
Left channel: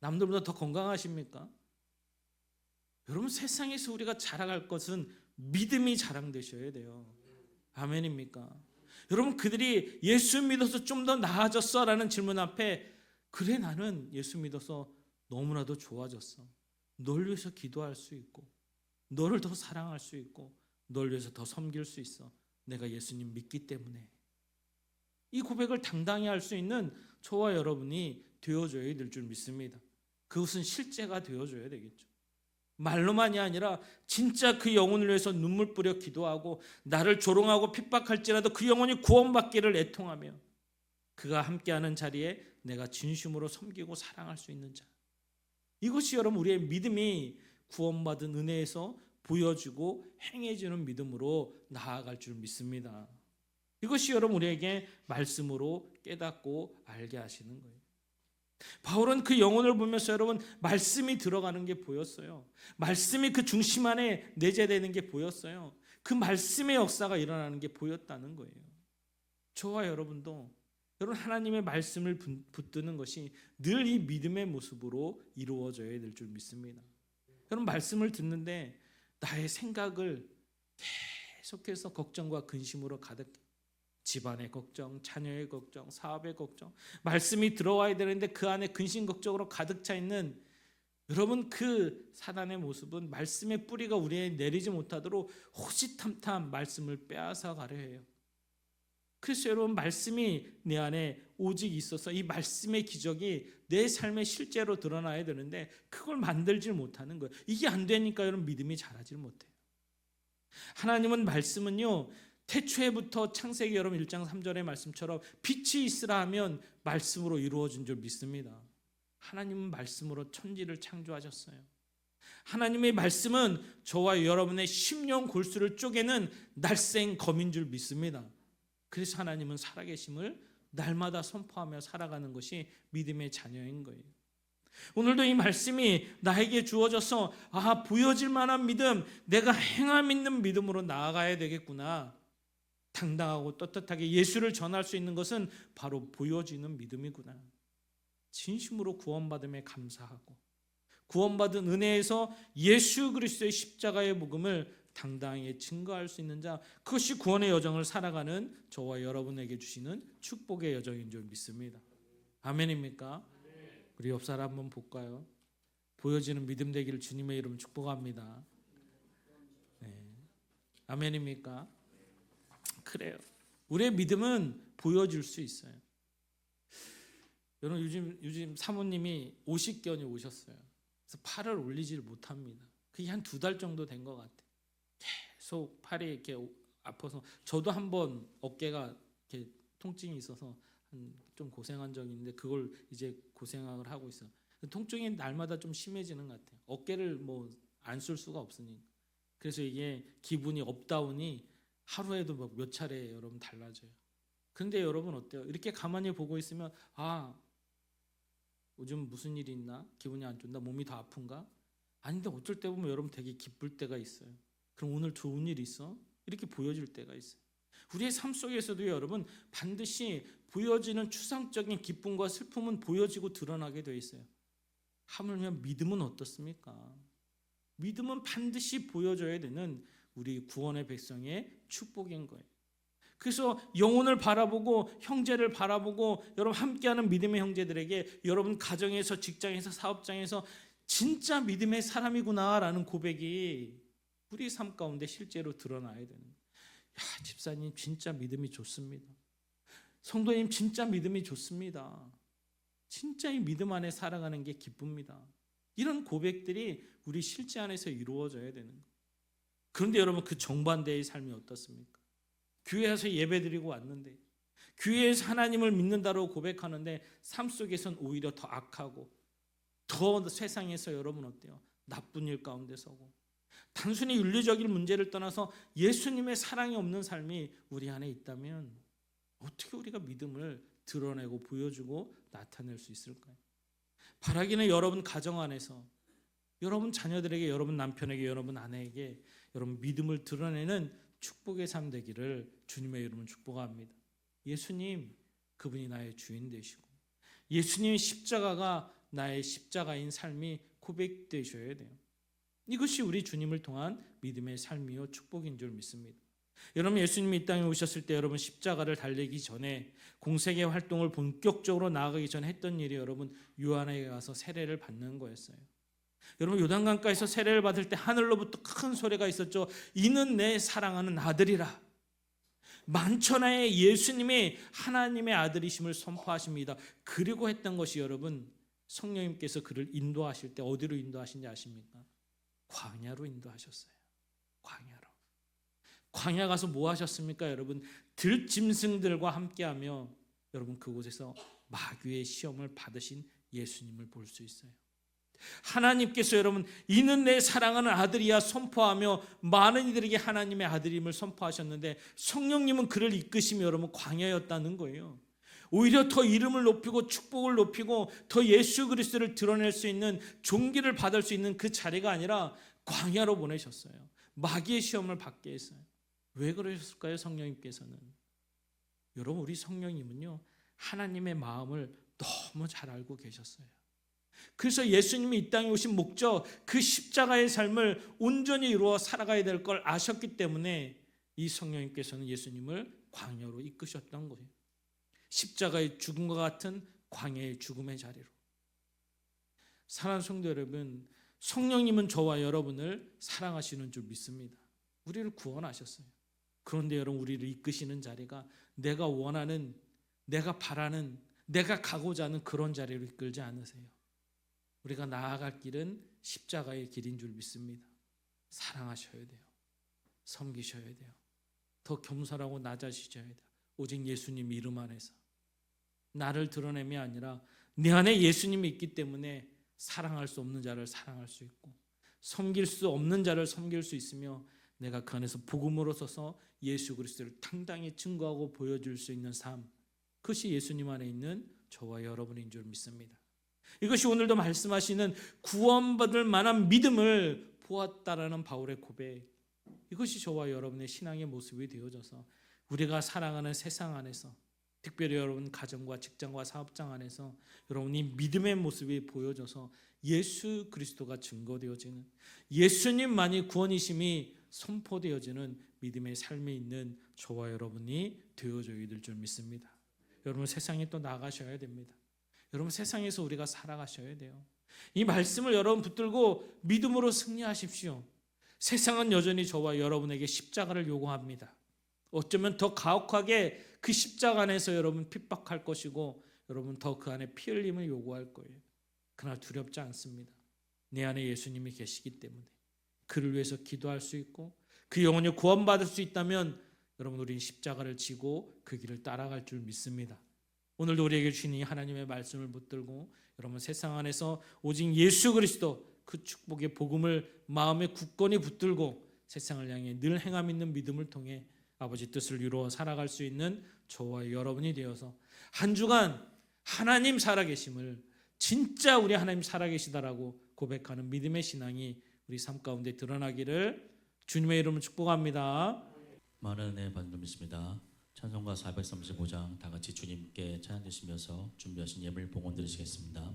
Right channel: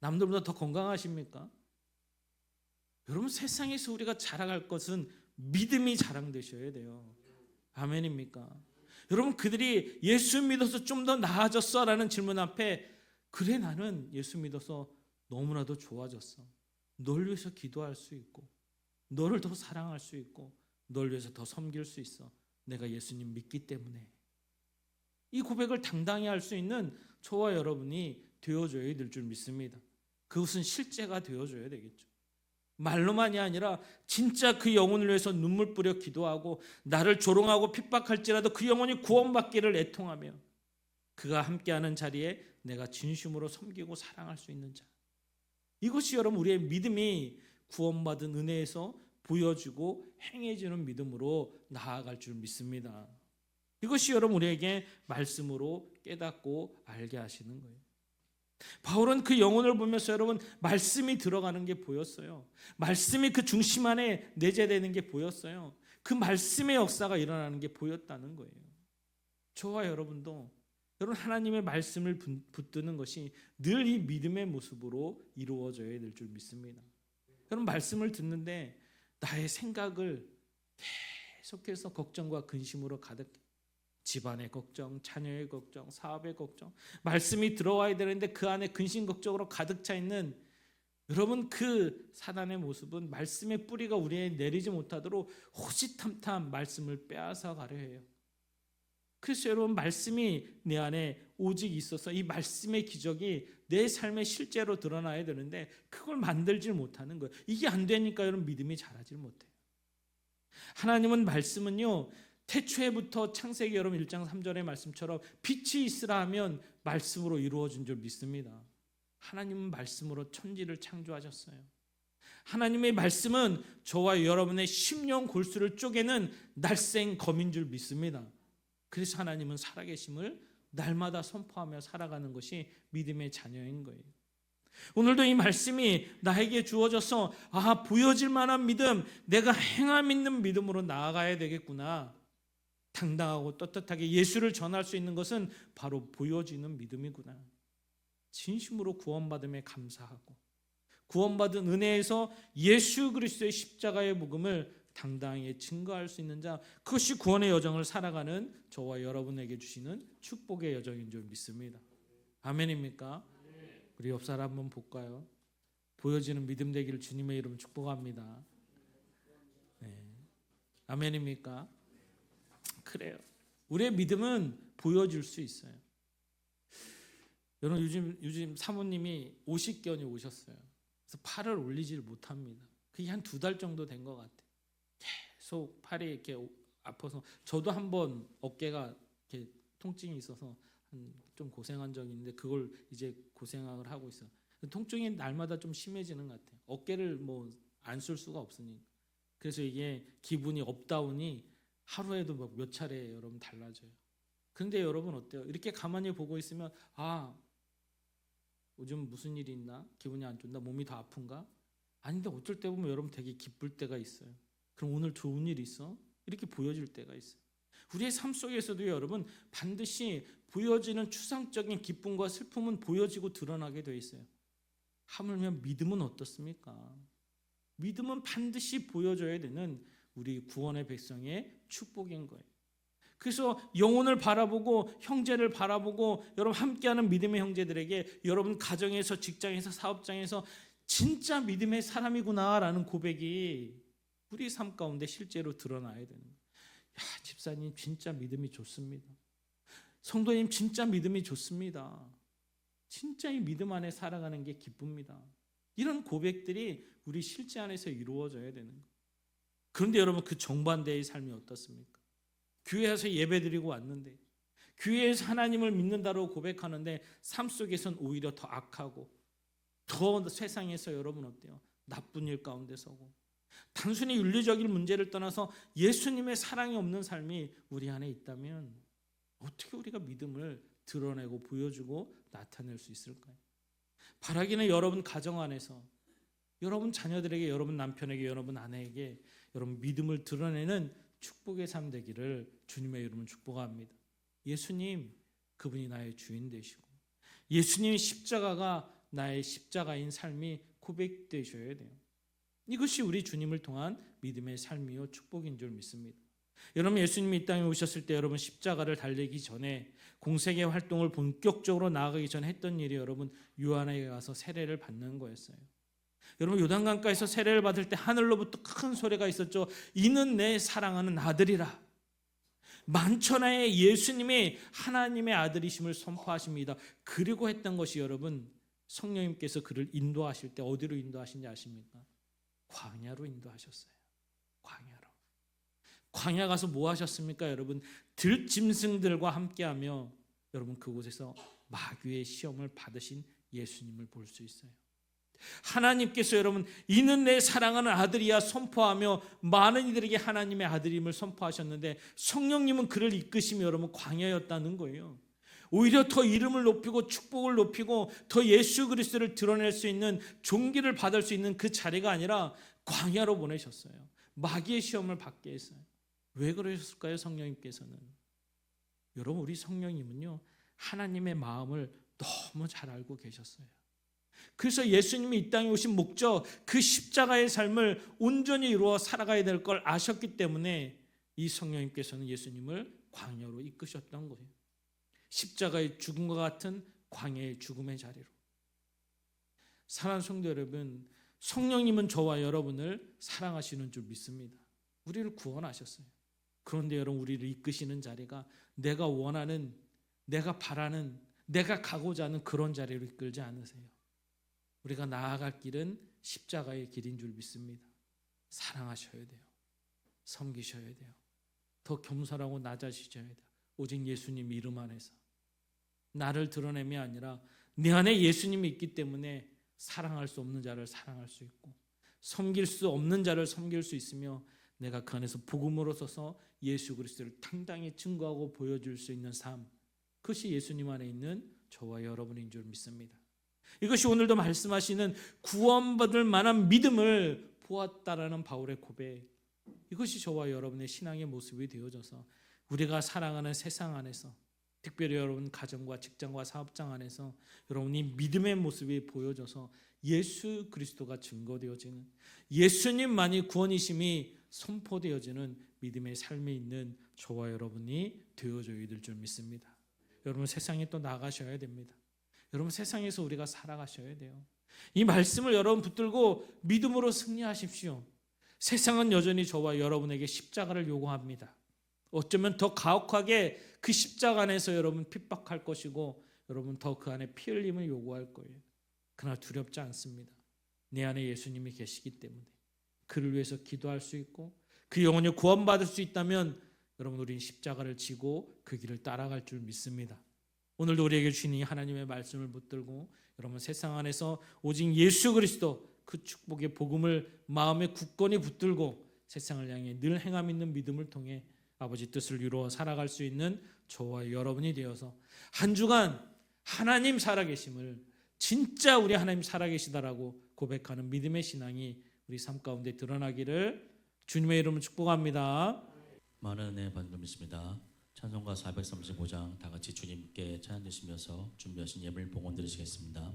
남들보다 더 건강하십니까? 여러분, 세상에서 우리가 자랑할 것은 믿음이 자랑되셔야 돼요. 아멘입니까? 여러분, 그들이 예수 믿어서 좀 더 나아졌어? 라는 질문 앞에, 그래, 나는 예수 믿어서 너무나도 좋아졌어. 널 위해서 기도할 수 있고, 너를 더 사랑할 수 있고, 널 위해서 더 섬길 수 있어. 내가 예수님 믿기 때문에. 이 고백을 당당히 할 수 있는 저와 여러분이 되어줘야 될 줄 믿습니다. 그것은 실제가 되어줘야 되겠죠. 말로만이 아니라 진짜 그 영혼을 위해서 눈물 뿌려 기도하고 나를 조롱하고 핍박할지라도 그 영혼이 구원받기를 애통하며 그가 함께하는 자리에 내가 진심으로 섬기고 사랑할 수 있는 자. 이것이 여러분, 우리의 믿음이 구원받은 은혜에서 보여지고 행해지는 믿음으로 나아갈 줄 믿습니다. 이것이 여러분, 우리에게 말씀으로 깨닫고 알게 하시는 거예요. 바울은 그 영혼을 보면서 여러분, 말씀이 들어가는 게 보였어요. 말씀이 그 중심 안에 내재되는 게 보였어요. 그 말씀의 역사가 일어나는 게 보였다는 거예요. 저와 여러분도 여러분, 하나님의 말씀을 붙드는 것이 늘 이 믿음의 모습으로 이루어져야 될 줄 믿습니다. 여러분, 말씀을 듣는데 나의 생각을 계속해서 걱정과 근심으로 가득, 집안의 걱정, 자녀의 걱정, 사업의 걱정, 말씀이 들어와야 되는데 그 안에 근심 걱정으로 가득 차 있는 여러분, 그 사단의 모습은 말씀의 뿌리가 우리에 내리지 못하도록 호시탐탐 말씀을 빼앗아 가려 해요. 그래서 여러분, 말씀이 내 안에 오직 있어서 이 말씀의 기적이 내 삶에 실제로 드러나야 되는데 그걸 만들질 못하는 거예요. 이게 안 되니까 여러분, 믿음이 자라질 못해요. 하나님은 말씀은요, 태초에부터 창세기 여러분 1장 3절의 말씀처럼 빛이 있으라 하면 말씀으로 이루어진 줄 믿습니다. 하나님은 말씀으로 천지를 창조하셨어요. 하나님의 말씀은 저와 여러분의 심령 골수를 쪼개는 날쌘 검인 줄 믿습니다. 그래서 하나님은 살아계심을 날마다 선포하며 살아가는 것이 믿음의 자녀인 거예요. 오늘도 이 말씀이 나에게 주어져서 보여질 만한 믿음, 내가 행함 있는 믿음으로 나아가야 되겠구나. 당당하고 떳떳하게 예수를 전할 수 있는 것은 바로 보여지는 믿음이구나. 진심으로 구원받음에 감사하고 구원받은 은혜에서 예수 그리스도의 십자가의 복음을 당당하게 증거할 수 있는 자, 그것이 구원의 여정을 살아가는 저와 여러분에게 주시는 축복의 여정인 줄 믿습니다. 아멘입니까? 우리 옆 사람 한번 볼까요? 보여지는 믿음 되기를 주님의 이름 축복합니다. 네. 아멘입니까? 그래요. 우리의 믿음은 보여줄 수 있어요. 여러분 요즘 사모님이 50견이 오셨어요. 그래서 팔을 올리지를 못합니다. 그게 한 2달 정도 된 것 같아요. 계속 팔이 이렇게 아파서 저도 한번 어깨가 이렇게 통증이 있어서 좀 고생한 적이 있는데 그걸 이제 고생을 하고 있어요. 통증이 날마다 좀 심해지는 것 같아요. 어깨를 뭐 안 쓸 수가 없으니까. 그래서 이게 기분이 업다운이 하루에도 몇 차례 여러분 달라져요. 근데 여러분 어때요? 이렇게 가만히 보고 있으면 요즘 무슨 일이 있나? 기분이 안 좋나? 몸이 더 아픈가? 아닌데 어쩔 때 보면 여러분 되게 기쁠 때가 있어요. 그럼 오늘 좋은 일 있어? 이렇게 보여줄 때가 있어요. 우리의 삶 속에서도 여러분 반드시 보여지는 추상적인 기쁨과 슬픔은 보여지고 드러나게 되어 있어요. 하물며 믿음은 어떻습니까? 믿음은 반드시 보여줘야 되는 우리 구원의 백성의 축복인 거예요. 그래서 영혼을 바라보고 형제를 바라보고 여러분 함께하는 믿음의 형제들에게 여러분 가정에서 직장에서 사업장에서 진짜 믿음의 사람이구나라는 고백이 우리 삶 가운데 실제로 드러나야 되는 거예요. 야, 집사님 진짜 믿음이 좋습니다. 성도님 진짜 믿음이 좋습니다. 진짜 이 믿음 안에 살아가는 게 기쁩니다. 이런 고백들이 우리 실제 안에서 이루어져야 되는 거예요. 그런데 여러분 그 정반대의 삶이 어떻습니까? 교회에서 예배드리고 왔는데 교회에서 하나님을 믿는다고 고백하는데 삶 속에선 오히려 더 악하고 더 세상에서 여러분 어때요? 나쁜 일 가운데 서고 단순히 윤리적인 문제를 떠나서 예수님의 사랑이 없는 삶이 우리 안에 있다면 어떻게 우리가 믿음을 드러내고 보여주고 나타낼 수 있을까요? 바라기는 여러분 가정 안에서 여러분 자녀들에게 여러분 남편에게 여러분 아내에게 여러분 믿음을 드러내는 축복의 삶 되기를 주님의 이름으로 축복합니다. 예수님 그분이 나의 주인 되시고 예수님의 십자가가 나의 십자가인 삶이 고백되셔야 돼요. 이것이 우리 주님을 통한 믿음의 삶이요 축복인 줄 믿습니다. 여러분 예수님이 이 땅에 오셨을 때 여러분 십자가를 달리기 전에 공생의 활동을 본격적으로 나아가기 전에 했던 일이 여러분 요한에게 가서 세례를 받는 거였어요. 여러분 요단강가에서 세례를 받을 때 하늘로부터 큰 소리가 있었죠. 이는 내 사랑하는 아들이라. 만천하에 예수님이 하나님의 아들이심을 선포하십니다. 그리고 했던 것이 여러분 성령님께서 그를 인도하실 때 어디로 인도하신지 아십니까? 광야로 인도하셨어요. 광야로. 광야 가서 뭐 하셨습니까? 여러분 들짐승들과 함께하며 여러분 그곳에서 마귀의 시험을 받으신 예수님을 볼 수 있어요. 하나님께서 여러분 이는 내 사랑하는 아들이야 선포하며 많은 이들에게 하나님의 아들임을 선포하셨는데 성령님은 그를 이끄시며 여러분 광야였다는 거예요. 오히려 더 이름을 높이고 축복을 높이고 더 예수 그리스도를 드러낼 수 있는 종기를 받을 수 있는 그 자리가 아니라 광야로 보내셨어요. 마귀의 시험을 받게 했어요. 왜 그러셨을까요? 성령님께서는. 여러분 우리 성령님은요 하나님의 마음을 너무 잘 알고 계셨어요. 그래서 예수님이 이 땅에 오신 목적 그 십자가의 삶을 온전히 이루어 살아가야 될 걸 아셨기 때문에 이 성령님께서는 예수님을 광야로 이끄셨던 거예요. 십자가의 죽음과 같은 광야의 죽음의 자리로. 사랑하는 성도 여러분, 성령님은 저와 여러분을 사랑하시는 줄 믿습니다. 우리를 구원하셨어요. 그런데 여러분 우리를 이끄시는 자리가 내가 원하는, 내가 바라는, 내가 가고자 하는 그런 자리로 이끌지 않으세요. 우리가 나아갈 길은 십자가의 길인 줄 믿습니다. 사랑하셔야 돼요. 섬기셔야 돼요. 더 겸손하고 낮아지셔야 돼요. 오직 예수님 이름 안에서. 나를 드러내이 아니라 내 안에 예수님이 있기 때문에 사랑할 수 없는 자를 사랑할 수 있고 섬길 수 없는 자를 섬길 수 있으며 내가 그 안에서 복음으로 서서 예수 그리스도를 당당히 증거하고 보여줄 수 있는 삶, 그것이 예수님 안에 있는 저와 여러분인 줄 믿습니다. 이것이 오늘도 말씀하시는 구원받을 만한 믿음을 보았다라는 바울의 고백, 이것이 저와 여러분의 신앙의 모습이 되어져서 우리가 살아가는 세상 안에서 특별히 여러분 가정과 직장과 사업장 안에서 여러분이 믿음의 모습이 보여져서 예수 그리스도가 증거되어지는, 예수님만이 구원이심이 선포되어지는 믿음의 삶에 있는 저와 여러분이 되어줘야 될 줄 믿습니다. 여러분 세상에 또 나가셔야 됩니다. 여러분 세상에서 우리가 살아가셔야 돼요. 이 말씀을 여러분 붙들고 믿음으로 승리하십시오. 세상은 여전히 저와 여러분에게 십자가를 요구합니다. 어쩌면 더 가혹하게 그 십자가 안에서 여러분 핍박할 것이고 여러분 더 그 안에 피 흘림을 요구할 거예요. 그러나 두렵지 않습니다. 내 안에 예수님이 계시기 때문에 그를 위해서 기도할 수 있고 그 영혼이 구원받을 수 있다면 여러분 우리 십자가를 지고 그 길을 따라갈 줄 믿습니다. 오늘도 우리에게 주신 이 하나님의 말씀을 붙들고 여러분 세상 안에서 오직 예수 그리스도 그 축복의 복음을 마음에 굳건히 붙들고 세상을 향해 늘 행함 있는 믿음을 통해 아버지 뜻을 이루어 살아갈 수 있는 저와 여러분이 되어서 한 주간 하나님 살아계심을 진짜 우리 하나님 살아계시다라고 고백하는 믿음의 신앙이 우리 삶 가운데 드러나기를 주님의 이름으로 축복합니다. 많은 은혜 받는 줄 믿습니다. 찬송가 435장 다 같이 주님께 찬양 드리시면서 준비하신 예물 봉헌 드리시겠습니다.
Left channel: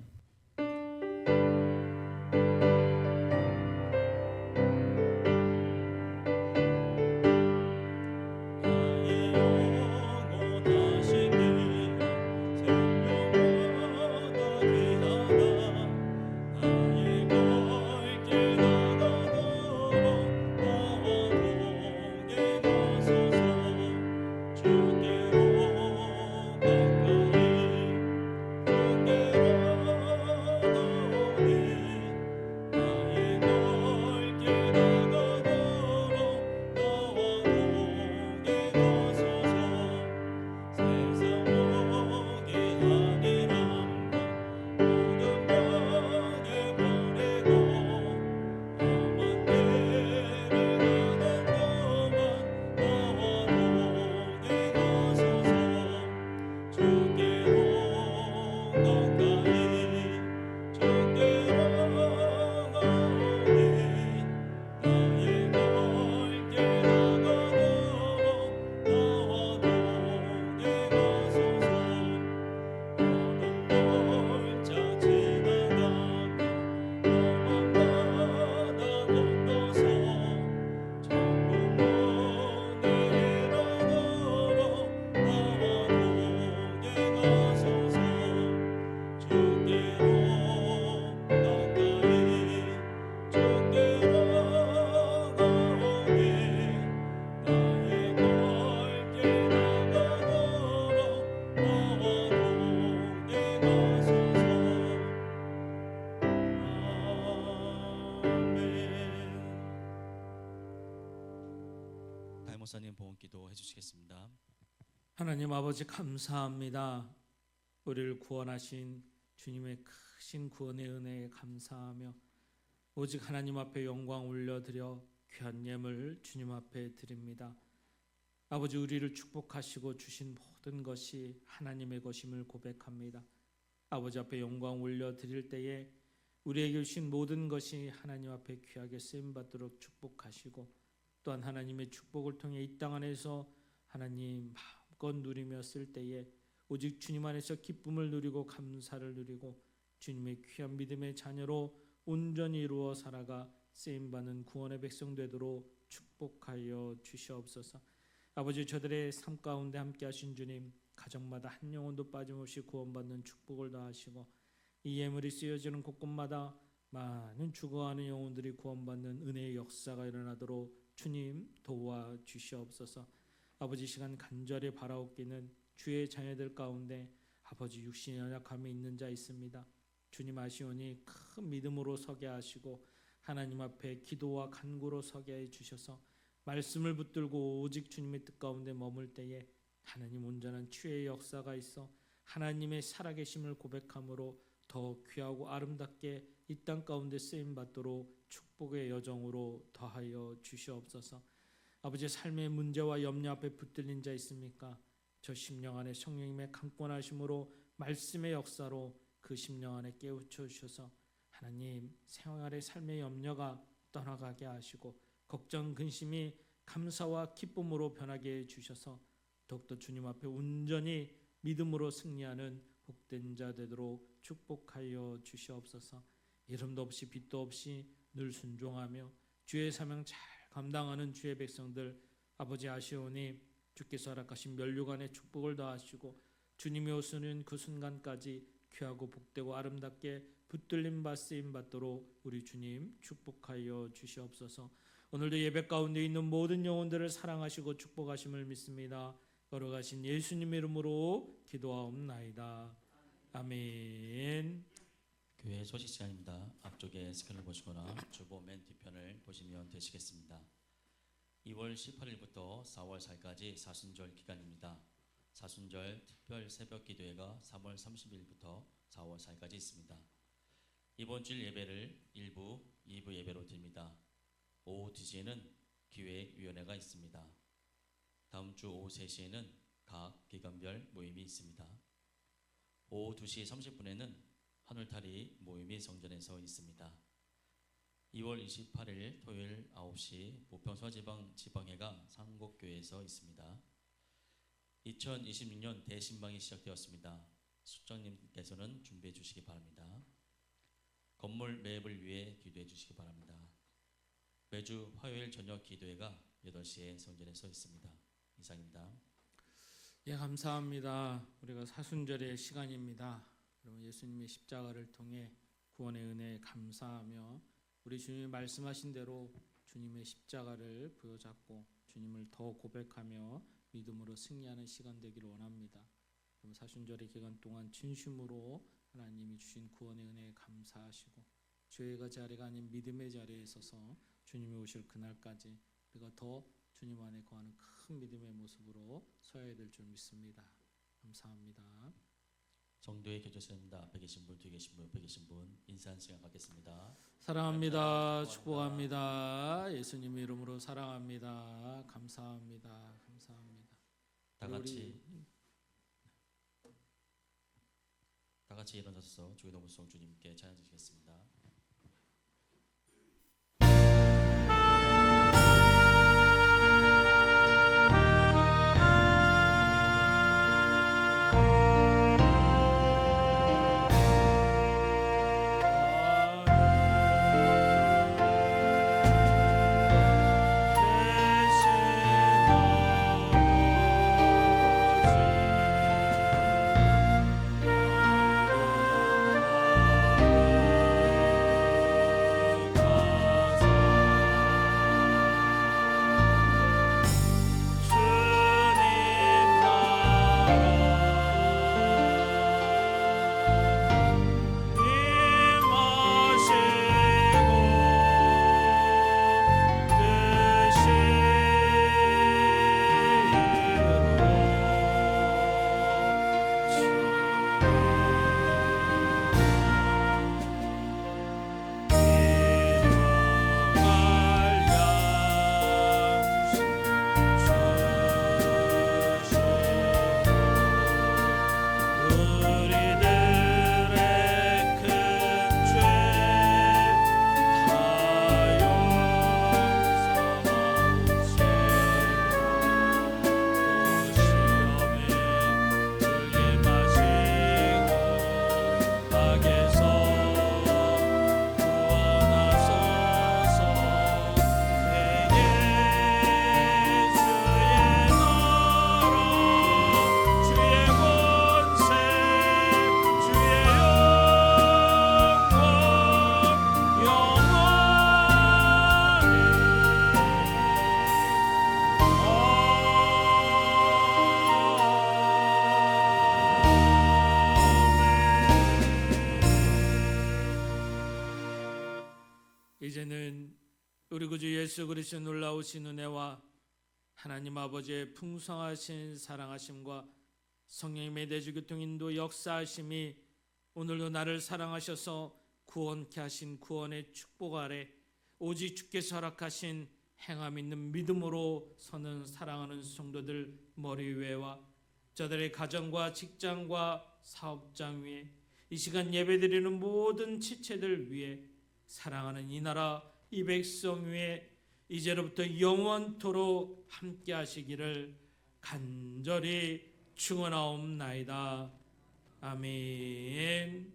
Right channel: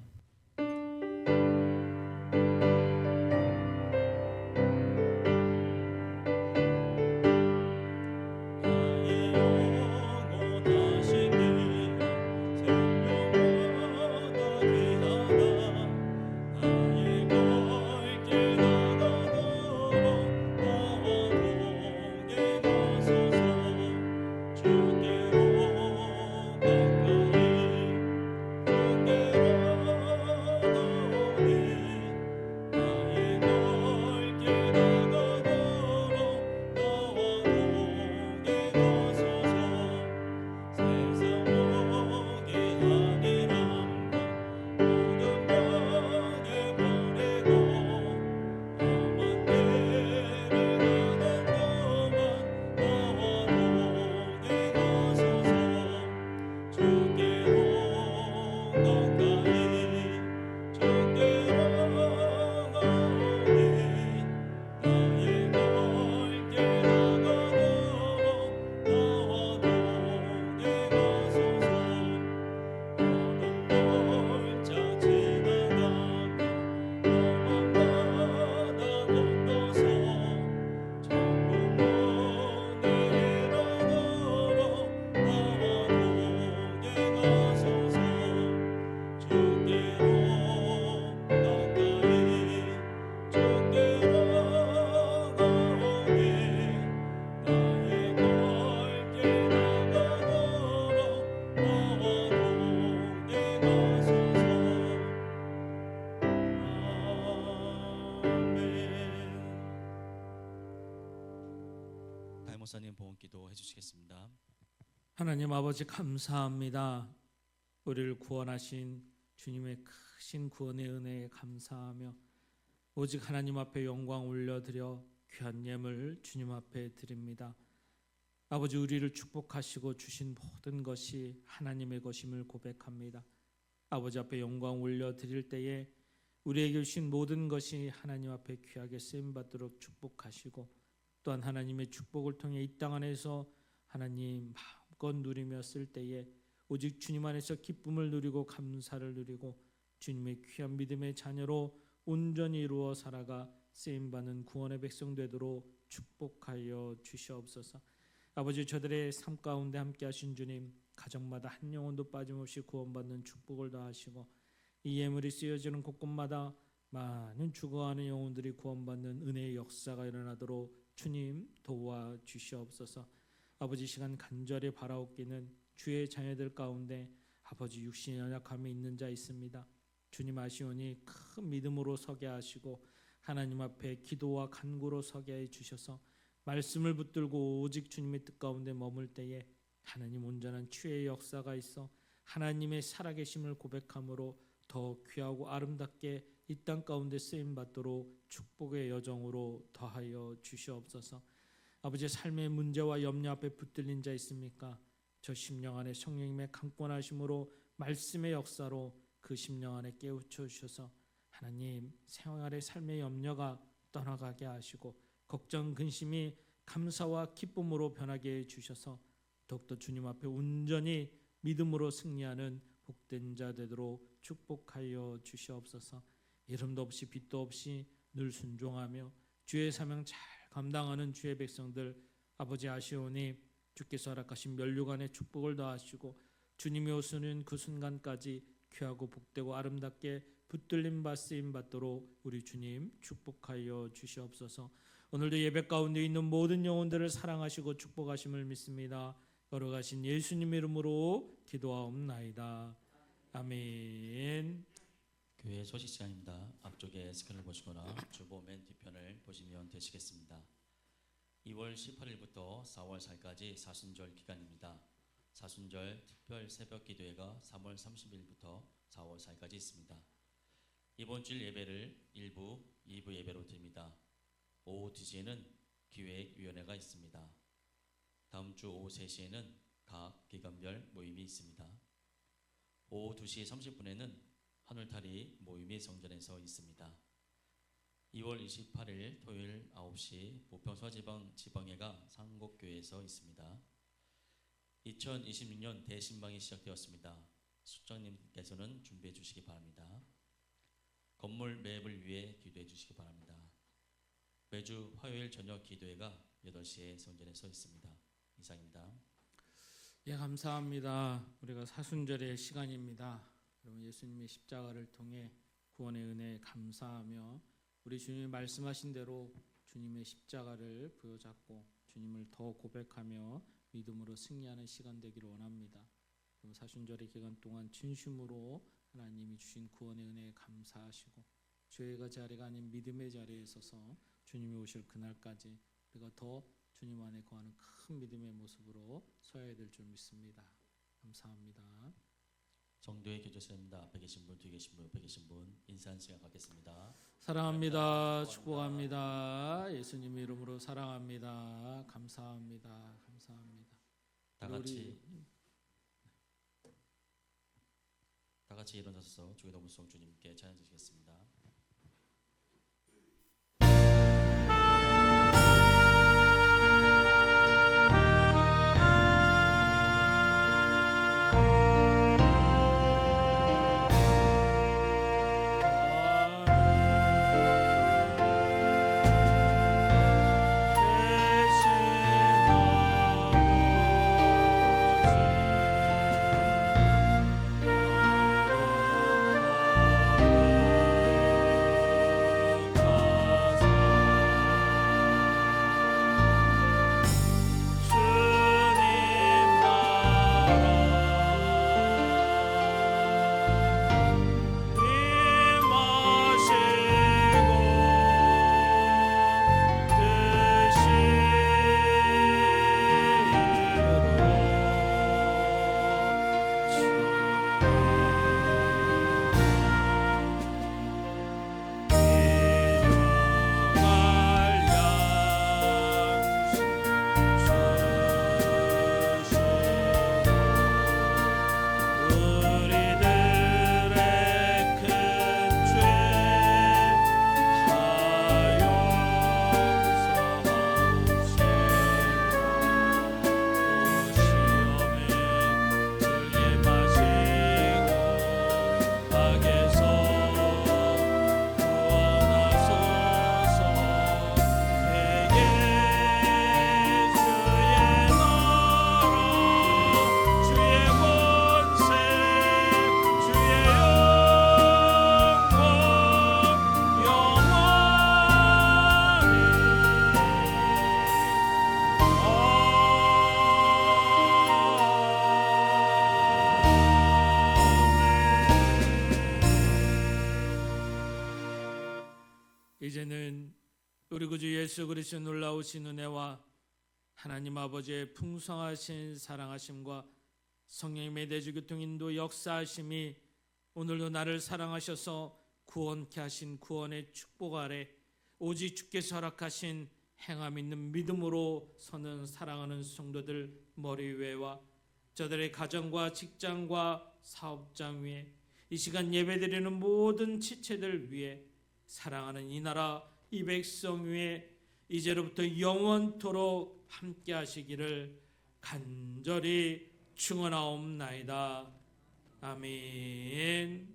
목사님 봉헌기도 해주시겠습니다. 하나님 아버지 감사합니다. 우리를 구원하신 주님의 크신 구원의 은혜에 감사하며 오직 하나님 앞에 영광 올려드려 귀한 예물 주님 앞에 드립니다. 아버지 우리를 축복하시고 주신 모든 것이 하나님의 것임을 고백합니다. 아버지 앞에 영광 올려드릴 때에 우리에게 주신 모든 것이 하나님 앞에 귀하게 쓰임받도록 축복하시고 또한 하나님의 축복을 통해 이 땅 안에서 하나님 마음껏 누리며 쓸 때에 오직 주님 안에서 기쁨을 누리고 감사를 누리고 주님의 귀한 믿음의 자녀로 온전히 이루어 살아가 쓰임받는 구원의 백성 되도록 축복하여 주시옵소서. 아버지 저들의 삶 가운데 함께 하신 주님 가정마다 한 영혼도 빠짐없이 구원받는 축복을 다하시고 이 예물이 쓰여지는 곳곳마다 많은 죽어가는 영혼들이 구원받는 은혜의 역사가 일어나도록 주님 도와주시옵소서. 아버지 시간 간절히 바라옵기는 주의 자녀들 가운데 아버지 육신의 연약함이 있는 자 있습니다. 주님 아시오니 큰 믿음으로 서게 하시고 하나님 앞에 기도와 간구로 서게 해 주셔서 말씀을 붙들고 오직 주님의 뜻 가운데 머물 때에 하나님 온전한 치유의 역사가 있어 하나님의 살아계심을 고백함으로 더 귀하고 아름답게 이 땅 가운데 쓰임 받도록 축복의 여정으로 더하여 주시옵소서. 아버지 삶의 문제와 염려 앞에 붙들린 자 있습니까? 저 심령 안에 성령님의 강권하심으로 말씀의 역사로 그 심령 안에 깨우쳐 주셔서 하나님 생활의 삶의 염려가 떠나가게 하시고 걱정 근심이 감사와 기쁨으로 변하게 해 주셔서 더욱더 주님 앞에 온전히 믿음으로 승리하는 복된 자 되도록 축복하여 주시옵소서. 이름도 없이 빛도 없이 늘 순종하며 주의 사명 잘 감당하는 주의 백성들 아버지 아시오니 주께서 허락하신 면류관의 축복을 더하시고 주님이 오시는 그 순간까지 귀하고 복되고 아름답게 붙들림 받쓰임 받도록 우리 주님 축복하여 주시옵소서. 오늘도 예배 가운데 있는 모든 영혼들을 사랑하시고 축복하심을 믿습니다. 걸어가신 예수님 이름으로 기도하옵나이다. 아멘. 교회 소식 시간입니다. 앞쪽에 스크린을 보시거나 주보 맨 뒤편을 보시면 되시겠습니다. 2월 18일부터 4월 4일까지 사순절 기간입니다. 사순절 특별 새벽 기도회가 3월 30일부터 4월 4일까지 있습니다. 이번 주일 예배를 1부, 2부 예배로 드립니다. 오후 2시에는 기획위원회가 있습니다. 다음 주 오후 3시에는 각 기관별 모임이 있습니다. 오후 2시 30분에는 하늘타리 모임이 성전에서 있습니다. 2월 28일 토요일 9시 부평서지방 지방회가 상곡교회에서 있습니다. 2026년 대신방이 시작되었습니다. 수장님께서는 준비해 주시기 바랍니다. 건물 매입을 위해 기도해 주시기 바랍니다. 매주 화요일 저녁 기도회가 8시에 성전에서 있습니다. 이상입니다. 예, 감사합니다. 우리가 사순절의 시간입니다. 여러분 예수님의 십자가를 통해 구원의 은혜에 감사하며 우리 주님이 말씀하신 대로 주님의 십자가를 부여잡고 주님을 더 고백하며 믿음으로 승리하는 시간 되기를 원합니다. 그럼 사순절의 기간 동안 진심으로 하나님이 주신 구원의 은혜에 감사하시고 죄의 자리가 아닌 믿음의 자리에 서서 주님이 오실 그날까지 우리가 더 주님 안에 거하는 큰 믿음의 모습으로 서야 될 줄 믿습니다. 감사합니다. 정도의 교제선입니다. 앞에 계신 분, 뒤에 계신 분, 옆에 계신 분 인사하는 시간 갖겠습니다. 사랑합니다. 축복합니다. 예수님 이름으로 사랑합니다. 감사합니다. 감사합니다. 다 같이 일어나서 주기도문송 주님께 찬양 드리겠습니다. 이제는 우리 구주 예수 그리스도의 놀라우신 은혜와 하나님 아버지의 풍성하신 사랑하심과 성령님의 내주교통 인도 역사하심이 오늘도 나를 사랑하셔서 구원케 하신 구원의 축복 아래 오직 주께서 허락하신 행함 있는 믿음으로 서는 사랑하는 성도들 머리 위에와 저들의 가정과 직장과 사업장 위에 이 시간 예배드리는 모든 지체들 위에 사랑하는 이 나라 이 백성 위에 이제로부터 영원토록 함께 하시기를 간절히 축원하옵나이다. 아멘.